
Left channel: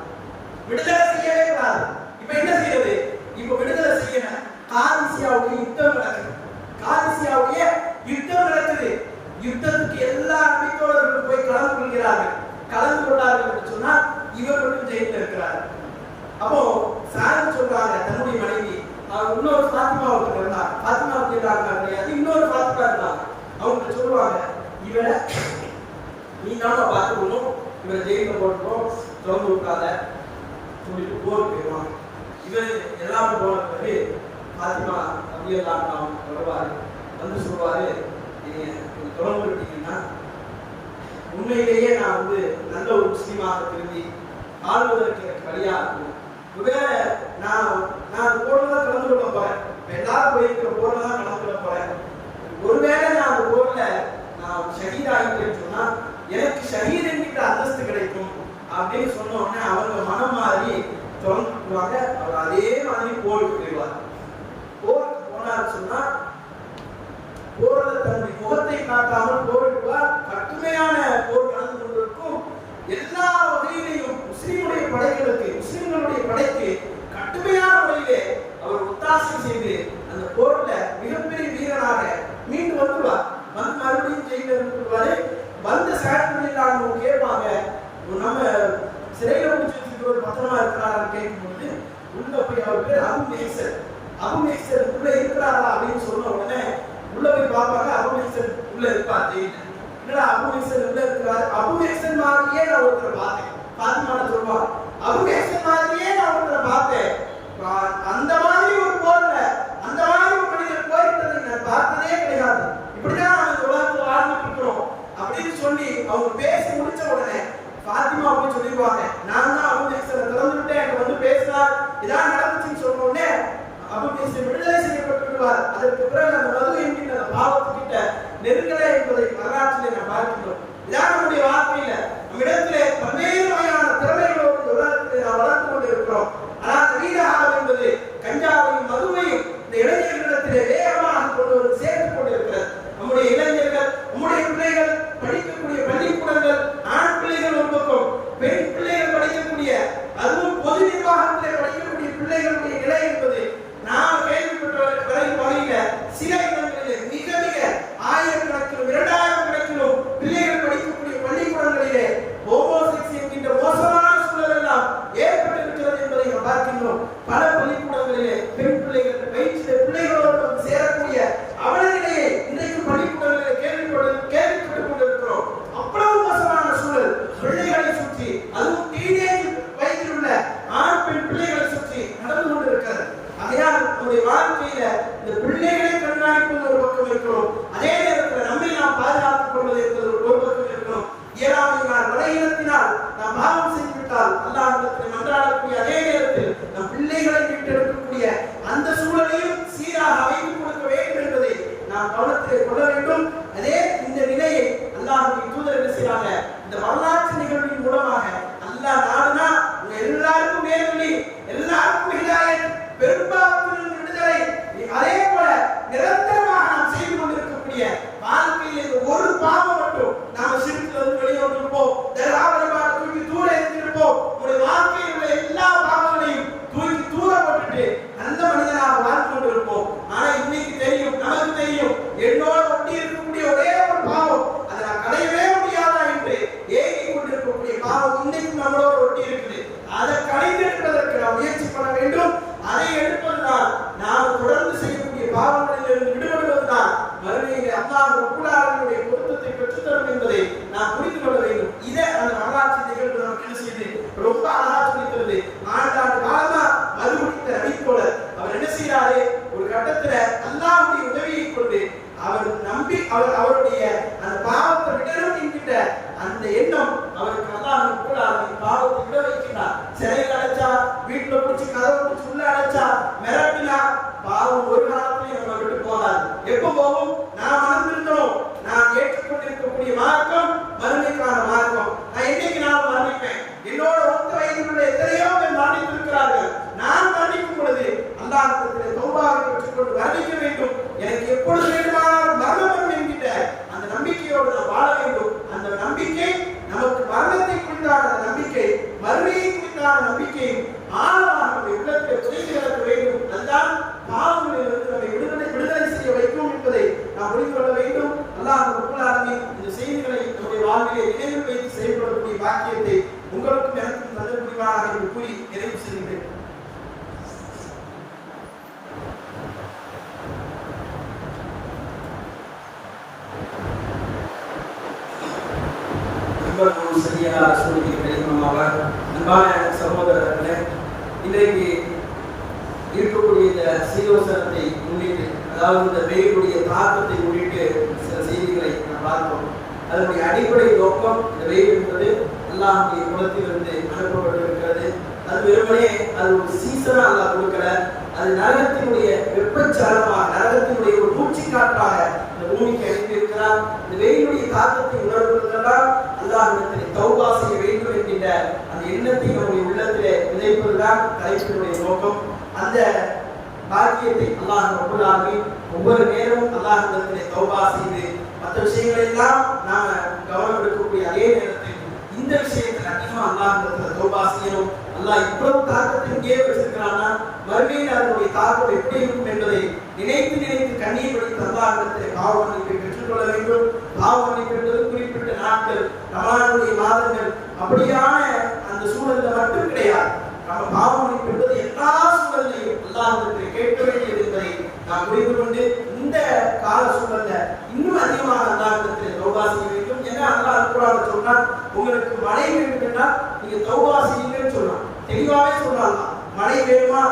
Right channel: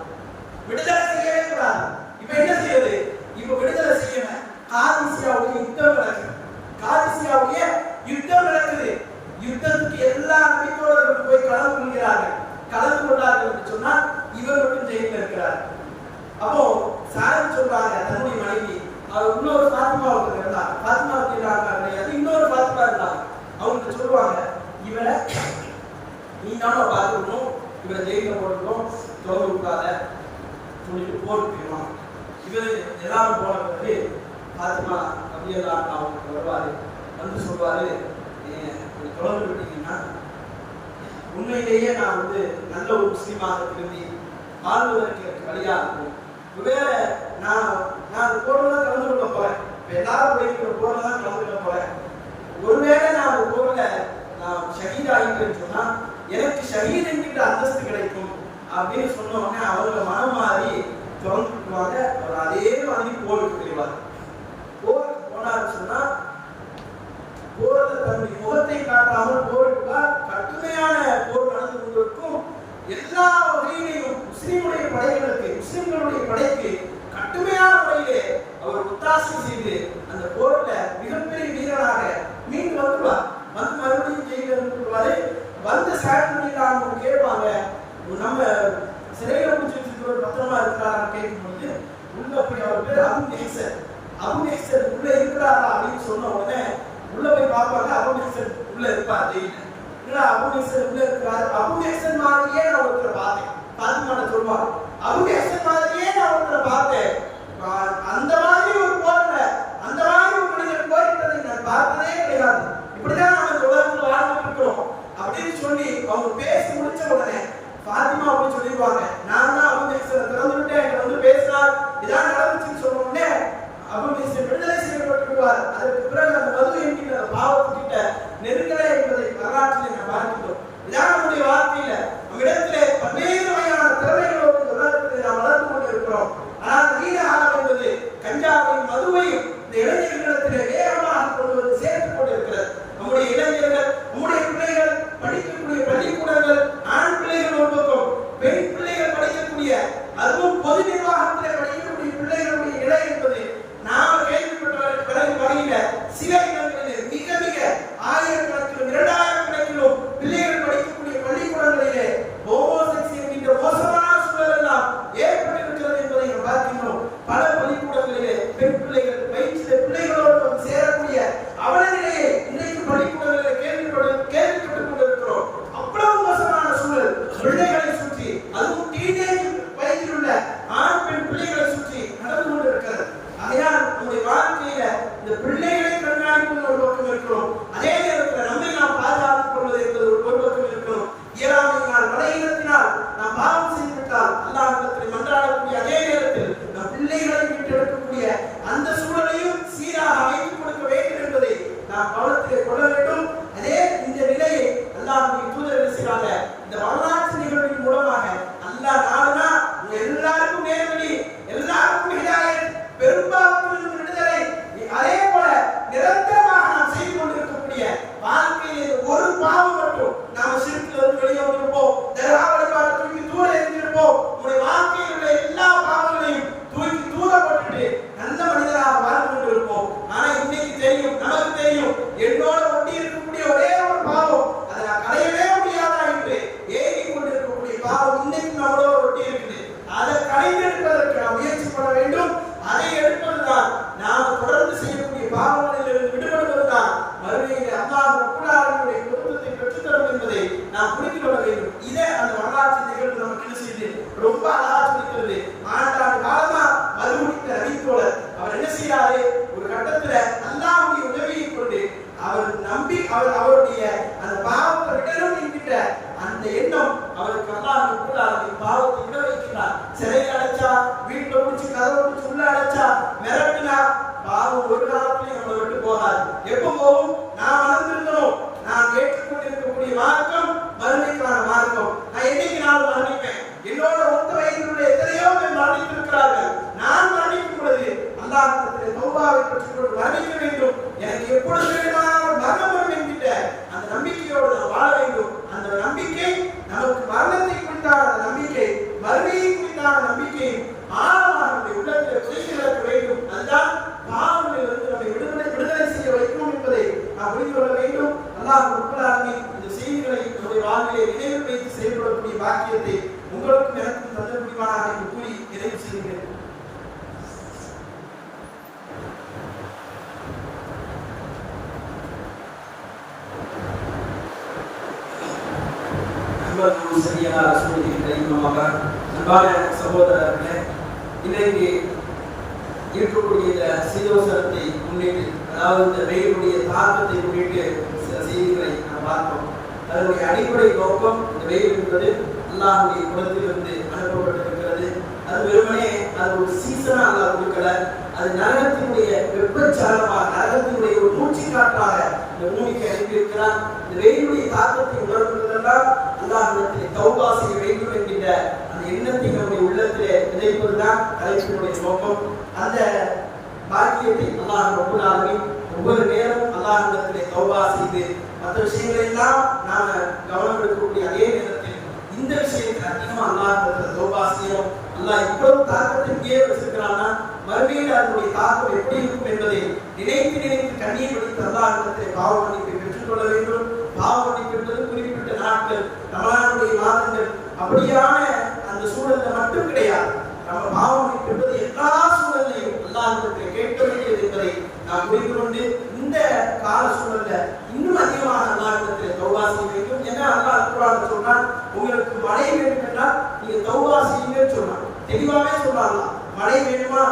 விடுதலை செய்யவே கூடாது. இப்ப என்ன செய்யறது? இப்ப விடுதலை செய்யணும். காதிசியாவுடைய யுத்தம் நடக்குது, காதிசியாவுடைய யுத்தம் நடக்குது. யுத்தத்துக்கு எல்லா நபித்தோழர்களும் போய் கலந்து கொள்கிறார்கள். கலந்து கொண்டார்கள் என்று சொன்னால் இவர் மட்டும் ஜெயில இருக்கிறார். அப்போ சாயித் சொல்றாங்க, தன்னுடைய மனைவி, அவர் இன்னொரு ஃபாத்திமா ஒருத்தர் இருந்தார், ஃபாத்திமா கிடையாது, இன்னொரு ஃபாத்திமா இருந்தாங்க. அவங்க சொல்லுவாங்க, இவரை நீ நாம பார்த்துக்கணும், இவரை ஜெயில போட்டுக்கணும், திறந்து விட்டாத சொல்லிட்டு போருக்கு போயிடுவாங்க. இவர் எல்லாரும் போன பிறகு ஃபாத்திமா ரலியல்லாஹு அவங்களுக்கு வருவாரு, வந்து சொல்வாரு, என்னைய கொஞ்சம் திறந்து விட்டீங்கன்னா உண்மையிலேயே நான் நல்ல ஒரு முஸ்லீமாக திரும்பி ஆள்வதற்கு எனக்கு வழியா இருக்கும். ஒருவேளை நான் போர்ல தான் கலந்து கொள்ள போறேன், இப்ப எல்லாரும் போயிருக்கிற போர்ல தான் கலந்து கொள்ள போறேன். ஒருவேளை நான் அந்த போர்ல ஷஹீதாகிட்டேன்னு சொன்னா எனக்கு ஷஹீத் என்கிட்ட அந்தஸ்து கிடைக்கும் அப்படின்னு சொன்ன உடனே அவங்க மனம் மாறி திறந்துக்குவாங்க. அவர் அதே மாதிரி போருக்கு போயிடுவார். போருக்கு போனான்னு சொன்னா போர்ல தன்னுடைய முகத்தை காட்டாமல் போரிடுவார். கடுமையான போர் நடந்து கொண்டிருக்கும். எல்லா வகையிலையும் முஸ்லிம்களுடைய படைகளுக்கு, முஸ்லிம்களுடைய படைக்கு கடுமையான முறையிலே அவர் ஒத்தாசை செய்து அந்த போர்ல மிகப்பெரிய வீரராக மீண்டு வந்துடுவார். வந்து மறுபடியும் ஜெயில இருந்துருவாரு. வந்து சாட்சியெல்லாம் கேட்பாங்க, நம்ம சிறையில பிடிச்சி வச்சிருக்கிறவர் பத்திரமா இருக்கிறாரான்னு கேட்கும் பொழுது உள்ள போய் அவர் பேர் அபு மெஹ்சன், அபு மெஹ்சன் உள்ள இருக்கிறாரா அப்படின்னு சொன்ன உடனே உள்ள போய் பார்ப்பாங்க. அபு மெஹ்சன் உள்ள இருப்பார் ஜெயில. என்னடா அபு மெஹ்சன் உள்ள இருக்கிறாரு, அபு மெஹ்சன் மாதிரியே நான் ஒருத்தரை பார்த்தேன். பாத்திமாட்ட சொல்லுவாங்க, அபு மெஹ்சன் மாதிரியே நான் ஒருத்தரை பார்த்தேன். அந்த மாதிரி ஒரு போர்ல அந்த மாதிரி ஒரு மனிதர் போரிட்டதை நான் பார்த்ததே கிடையாது. இப்படிதான் நம்ம இந்த உலகத்தில் வாழ்ந்துட்டு இருக்கிறோம் அப்படின்னு சொல்லி அவங்க பேசி முடிச்ச உடனே பாத்திமா போய் சொல்லிடுவாங்க, நான் தான் அபு மெஹ்சனை திறந்து விட்டேன், எங்க வந்து பேசினார், இதான் நடந்துச்சுன்னு சொன்ன உடனே அபு மெஹ்சன் விடுதலை செய்யப்பட்டு விடுவார். அதற்கு பிறகு அந்த மது என்கின்ற அந்த பாவத்துக்கிட்ட நெருங்கலை என்பதை வரலாற்றிலே நாம் பார்க்கின்றோம். இதான் நம்முடைய வாழ்க்கையில நம்ம இடத்திலே பல்வேறு வகையான திறமைகளோடு உலகத்திலே நாம் வளர்த்து கொண்டு இருக்கிறோம். ஆனால் நவீன காலம் என்பது கஞ்சாவையும் மதுவையும் இந்த இளைஞர்களிடத்திலே வேகமாக கொண்டு வந்து சேர்த்துக் கொண்டிருக்கிறது. நம்முடைய இளைஞர்கள், நம்முடைய பிள்ளைகள் படிக்கக்கூடிய பள்ளிக்கூடங்கள், ஆண் பிள்ளைகள் ஒரு பக்கம், பெண் பிள்ளைகள் படிக்கக்கூடிய, அதுவும் பொது நிர்வாகத்திலே படிக்கக்கூடிய பிள்ளைகளுடைய நிலை என்பது நாம் கேள்விப்பட்ட வகையில சில இடங்களிலே மிக மிக ஆயிரக்கணக்கிலும் 2000 கணக்கிலும் பிள்ளைகள் படிக்கக்கூடிய பள்ளிக்கூடங்களிலே ஹோமோசெக்ஸ் என்கின்ற மோசமான சூழல் எல்லாம் ஏற்பட்டிருக்கிறது என்பதை நாம் பார்க்கின்றோம். பல பள்ளிக்கூடங்களிலே பெண் பிள்ளைகள் வயிற்றிலே பிள்ளைகளோடு வந்து சேரக்கூடிய அவல நிலையை இன்றைக்கு பள்ளிக்கூடங்களிலே கேள்விப்பட்டுக் கொண்டிருக்கிறோம். அவ்வளவு மோசமான சூழல் பிள்ளைகளை சுற்றி, அதுவும் டீனேஜ் வயதில் உள்ள ஆண் பெண் பிள்ளைகளை சுற்றி நடந்து கொண்டிருக்கிறது. ஆகையால் நம்முடைய வாழ்க்கையில இந்த பிள்ளைகளை கண்காணிப்பது ஒரு பக்கம் இருக்கணும், அதே நேரத்தில் நம்மை நாம் பாதுகாத்துக் கொள்வது என்பது ஒரு பக்கம் இருக்கணும். இயலாமையினால் பலகீனத்தினால் நாம் பாவம் செய்துவிட்டால் அல்லாஹ்விடத்தில் மன்றாடக்கூடிய அதே நேரத்தில் நம் பிள்ளைகளை மீட்டெடுக்கக்கூடிய அந்த சூழலையும் சீராக அமைத்துக் கொடுக்க வேண்டும் என்பதை நாம் கவனத்திலே கொள்ள வேண்டும். அதே இந்த நிலையை அல்லாஹ்வுடைய தூதர் என்ன செய்றாங்க, இந்த வரலாற்று நிகழ்வின் மூலமாக அல்லாஹ் நாடுனா உங்க எல்லாருக்கும் நேர்வழி, எல்லாருக்கும் ஹிதாயத், பெரும்பாவத்திலிருந்து விடுதலை, அதே போல நிரந்தரமாக நாம் செய்து கொண்டிருக்கக்கூடிய வாழ்க்கையில் இந்த ஒரு பாவம் மட்டும் நாம சிறுத்துல இருந்து வெளியே வந்திருப்போம், தர்கா வழிபாட்டை தூக்கி தூர எரிஞ்சிருப்போம். உங்களுடைய வாழ்க்கையில் உள்ள எல்லா பாவங்களையும் தூக்கி தூர போட்டுட்டு நல்ல மனிதனாக வாழ்ந்து கொண்டிருப்போம். ஆனா இன்னைக்கு தெரியும், நமக்கு தெரியும், என்னோட ஒட்டி இருக்கக்கூடிய ஒரே ஒரு பாவம், அதை நான் களையவே முடியாதா என்று ஏங்கி கொண்டிருக்கக்கூடிய பாவம் இன்னைக்கு நம்மளோட ஒட்டி இருக்குது. அதை களைந்தெடுப்பதற்கு நாம் முயற்சி பண்ண வேண்டும். அதை எடுப்பதுதான் நாம் தொடர்ந்து செய்யக்கூடிய பாவங்களிலிருந்து விடுபடுவதுதான் மறுமையிலே அல்லாஹ் ரப்பல் ஆலமீனுடைய பொருத்தத்தை பெற்றுத்தரும் என்பதை நாம் புரிந்து கொள்ள வேண்டும். இதை அந்த வரலாற்று நிகழ்வு நமக்கு என்ன செய்யுது, ரொம்ப அழகா சொல்லித் தருது. ஆண்டாண்டு காலமா மது குடித்த நபித்தோழர் அவர் என்ன செய்யறாரு, ஒரு கட்டத்துல அல்லாஹ்வுடைய உதவியை கொண்டு அவர் நம்பி அவருடைய அந்த பாவத்தை விடணும் என்கிட்ட அந்த எண்ணம் அவருக்கு அல்லாஹ் ரப்பல் ஆலமீன் பாவத்தை விட வைக்கிறார். சிறையில் அடைச்சா, வீட்டுல பிடிச்சி கதவை பிடிச்சி உள்ள அடைச்சா, மிரட்டினா, பாவம் ஒரு காலத்திலேயே நம்மளை விட்டு போகாது. எப்ப போகும், நான் மறந்திருந்தோம். நான் ஏற்றுக்கொண்டிருக்கக்கூடிய மார்க்கம் மறுமைக்கான மார்க்கம். நான் என்னைக்கு நான் மரணிப்பேன், என்னோட ஒத்த வயதில் உள்ள எத்தனையோ பேர் மரணித்திருக்கிறார்கள். நான் மரணிக்கும் பொழுது அல்லாஹ்விடத்திலே தௌபாவை பெற்றுக்கொண்டு மரணிக்க வேண்டும். எனக்கு எப்பொழுது வேண்டுமானாலும் மரணம் வரும் என்கின்ற அந்த நம்பிக்கையோடு நாம் வாழ வேண்டும். அந்த நம்பிக்கை நமக்கு மரணத்தை குறித்தான அந்த நம்பிக்கை, மறுமையை குறித்தான நம்பிக்கை ஆழமாக நம்முடைய உள்ளத்திலே புதைந்து கிடக்க வேண்டும். அதுதான் பாவங்களிலிருந்து நம்மை விடுதலை செய்ய வைக்கும் என்பதை நாம் புரிந்து கொள்ள வேண்டும். அல்லாஹ் ரப்பல் ஆலமீன் இந்த செய்திகளை நம்முடைய வாழ்விலே நினைவில் வைத்து செயல்படக்கூடிய பாக்கியத்தை உங்களுக்கும் எனக்கும் தந்த புரிவானாக என்று கூறி நிறைவு செய்கின்றேன். அன்பான சகோதரர்களே, இன்றைக்கு இருக்கக்கூடிய இந்த சீதோசனத்தை முன்னிட்டு, அதாவது இந்த வெயிலுடைய தாக்கத்தை முன்னிட்டு சில செய்திகளை நாம் பார்ப்போம். அதனுடைய அடிப்படை நோக்கம், இந்த வெயில் என்பது அல்லாஹ்வுடைய குலத்திலிருந்து அனுப்பப்பட்டிருக்கிறது. அது வெறுமனே அது ஒரு சீசனா அல்லாஹ் கொடுக்கல, அது நரகத்தினுடைய வெப்பச்சாரமாக, நரகத்தினுடைய ஒரு மூச்சு காற்றாக இந்த பூமிக்கு அனுப்பியிருக்கிறார். இந்த வெயிலுடைய தாக்கத்தை உணர்வதெல்லாம் அல்லாஹ்விடத்திலே தௌபா செய்ய வேண்டும் என்கின்ற அந்த எண்ணத்தை நம்முடைய உள்ளத்திலே விதைப்பதுதான் தலைப்பினுடைய நோக்கம். அந்த பாக்கியத்தை அல்லாஹ் ரப்பல் ஆலமீன் ஒவ்வொரு நேரமும் அல்லாஹ்விடத்திலே தௌபா செய்து மற்ற விஷயங்களை எல்லாம் நாம கவனம் எடுக்கக்கூடிய அதே நேரத்தில் இந்த விஷயத்தில் அதிகமா அல்லாஹ்விடத்திலே தௌபா செய்யணும். அல்லாஹ் இவ்வளவு தாக்கத்தை இங்கே வச்சிருக்கிறான்னா மறுமையில் அதனுடைய தாக்கம் எப்படி இருக்கும் என்பதை நினைத்து நினைத்து கண்ணீர் வடித்து அல்லாஹ்விடத்திலே பாவ மன்னிப்பை பெற்றுக்கொள்ள வேண்டும். பாவ மன்னிப்பு என்பது குறிப்பிட்ட நாட்கள், ரமலானுடைய மாதங்கள் அப்படியான அந்த சூழல்ல மட்டும் கிடையாது. நம்ம பாவ மன்னிப்பு என்பது எல்லா சூழல்லையும் அல்லாஹ்விடத்திலே கேட்க வேண்டியது என்பதை நாம் புரிந்து கொண்டு இந்த கால சூழல்ல இன்னும் அதிகமாக அல்லாஹ்விடத்திலே தௌபா செய்ய வேண்டும். ஏன்னா அல்லாஹ் குர்ஆன்ல சொன்னான், உங்களுக்கு மழை வேண்டும் என்றால் நீங்க தௌபா செய்யுங்கன்னு சொன்னான். தெளிவாவே சொன்னான், மழை வேணுமா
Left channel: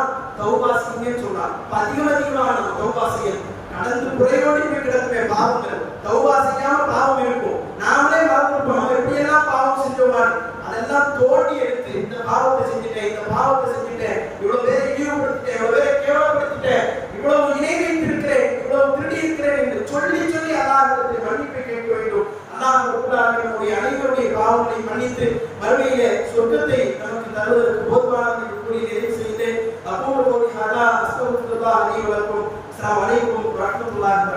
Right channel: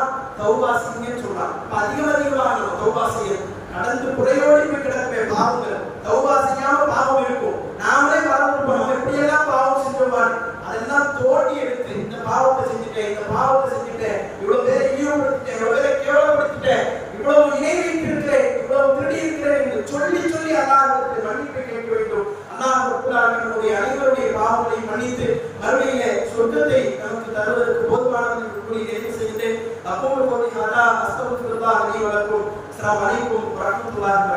தௌபா செய்யுங்கன்னு சொன்னான். அதிகமாக நம்ம தௌபா செய்யணும். கடந்து புறையோடி போய் கிடக்குமே பாவங்கள், தௌபா செய்யாம பாவம் இருக்கும். நாமளே மறந்துருப்போம் நம்ம எப்படி எல்லாம் பாவம் செஞ்சோமான்னு. அதெல்லாம் தோண்டி எடுத்து இந்த பாவத்தை செஞ்சுட்டேன், இந்த பாவத்தை செஞ்சுட்டேன், இவ்வளவு பேரை இழிவுபடுத்திட்டேன், இவ்வளவு பேரை கேவலப்படுத்திட்டேன், இவ்வளவு இணை வைத்திருக்கிறேன், இவ்வளவு திருடி இருக்கிறேன் என்று சொல்லி சொல்லி அல்லாஹ்விடத்தில் மன்னிப்பை கேட்க வேண்டும். அல்லாஹ் ரப்பல் ஆலமீன் நம்முடைய அனைவருடைய பாவங்களை மன்னித்து மறுமையிலே சொர்க்கத்தை நமக்கு தருவதற்கு போதுமானது என்று கூறி நிறைவு செய்தேன். அப்போது ஹதா அஸ்தக்ஃபிருல்லாஹ் லி வ லக்கும். அஸ்ஸலாமு அலைக்கும் வ ரஹ்மத்துல்லாஹி வ பரகாத்துஹு.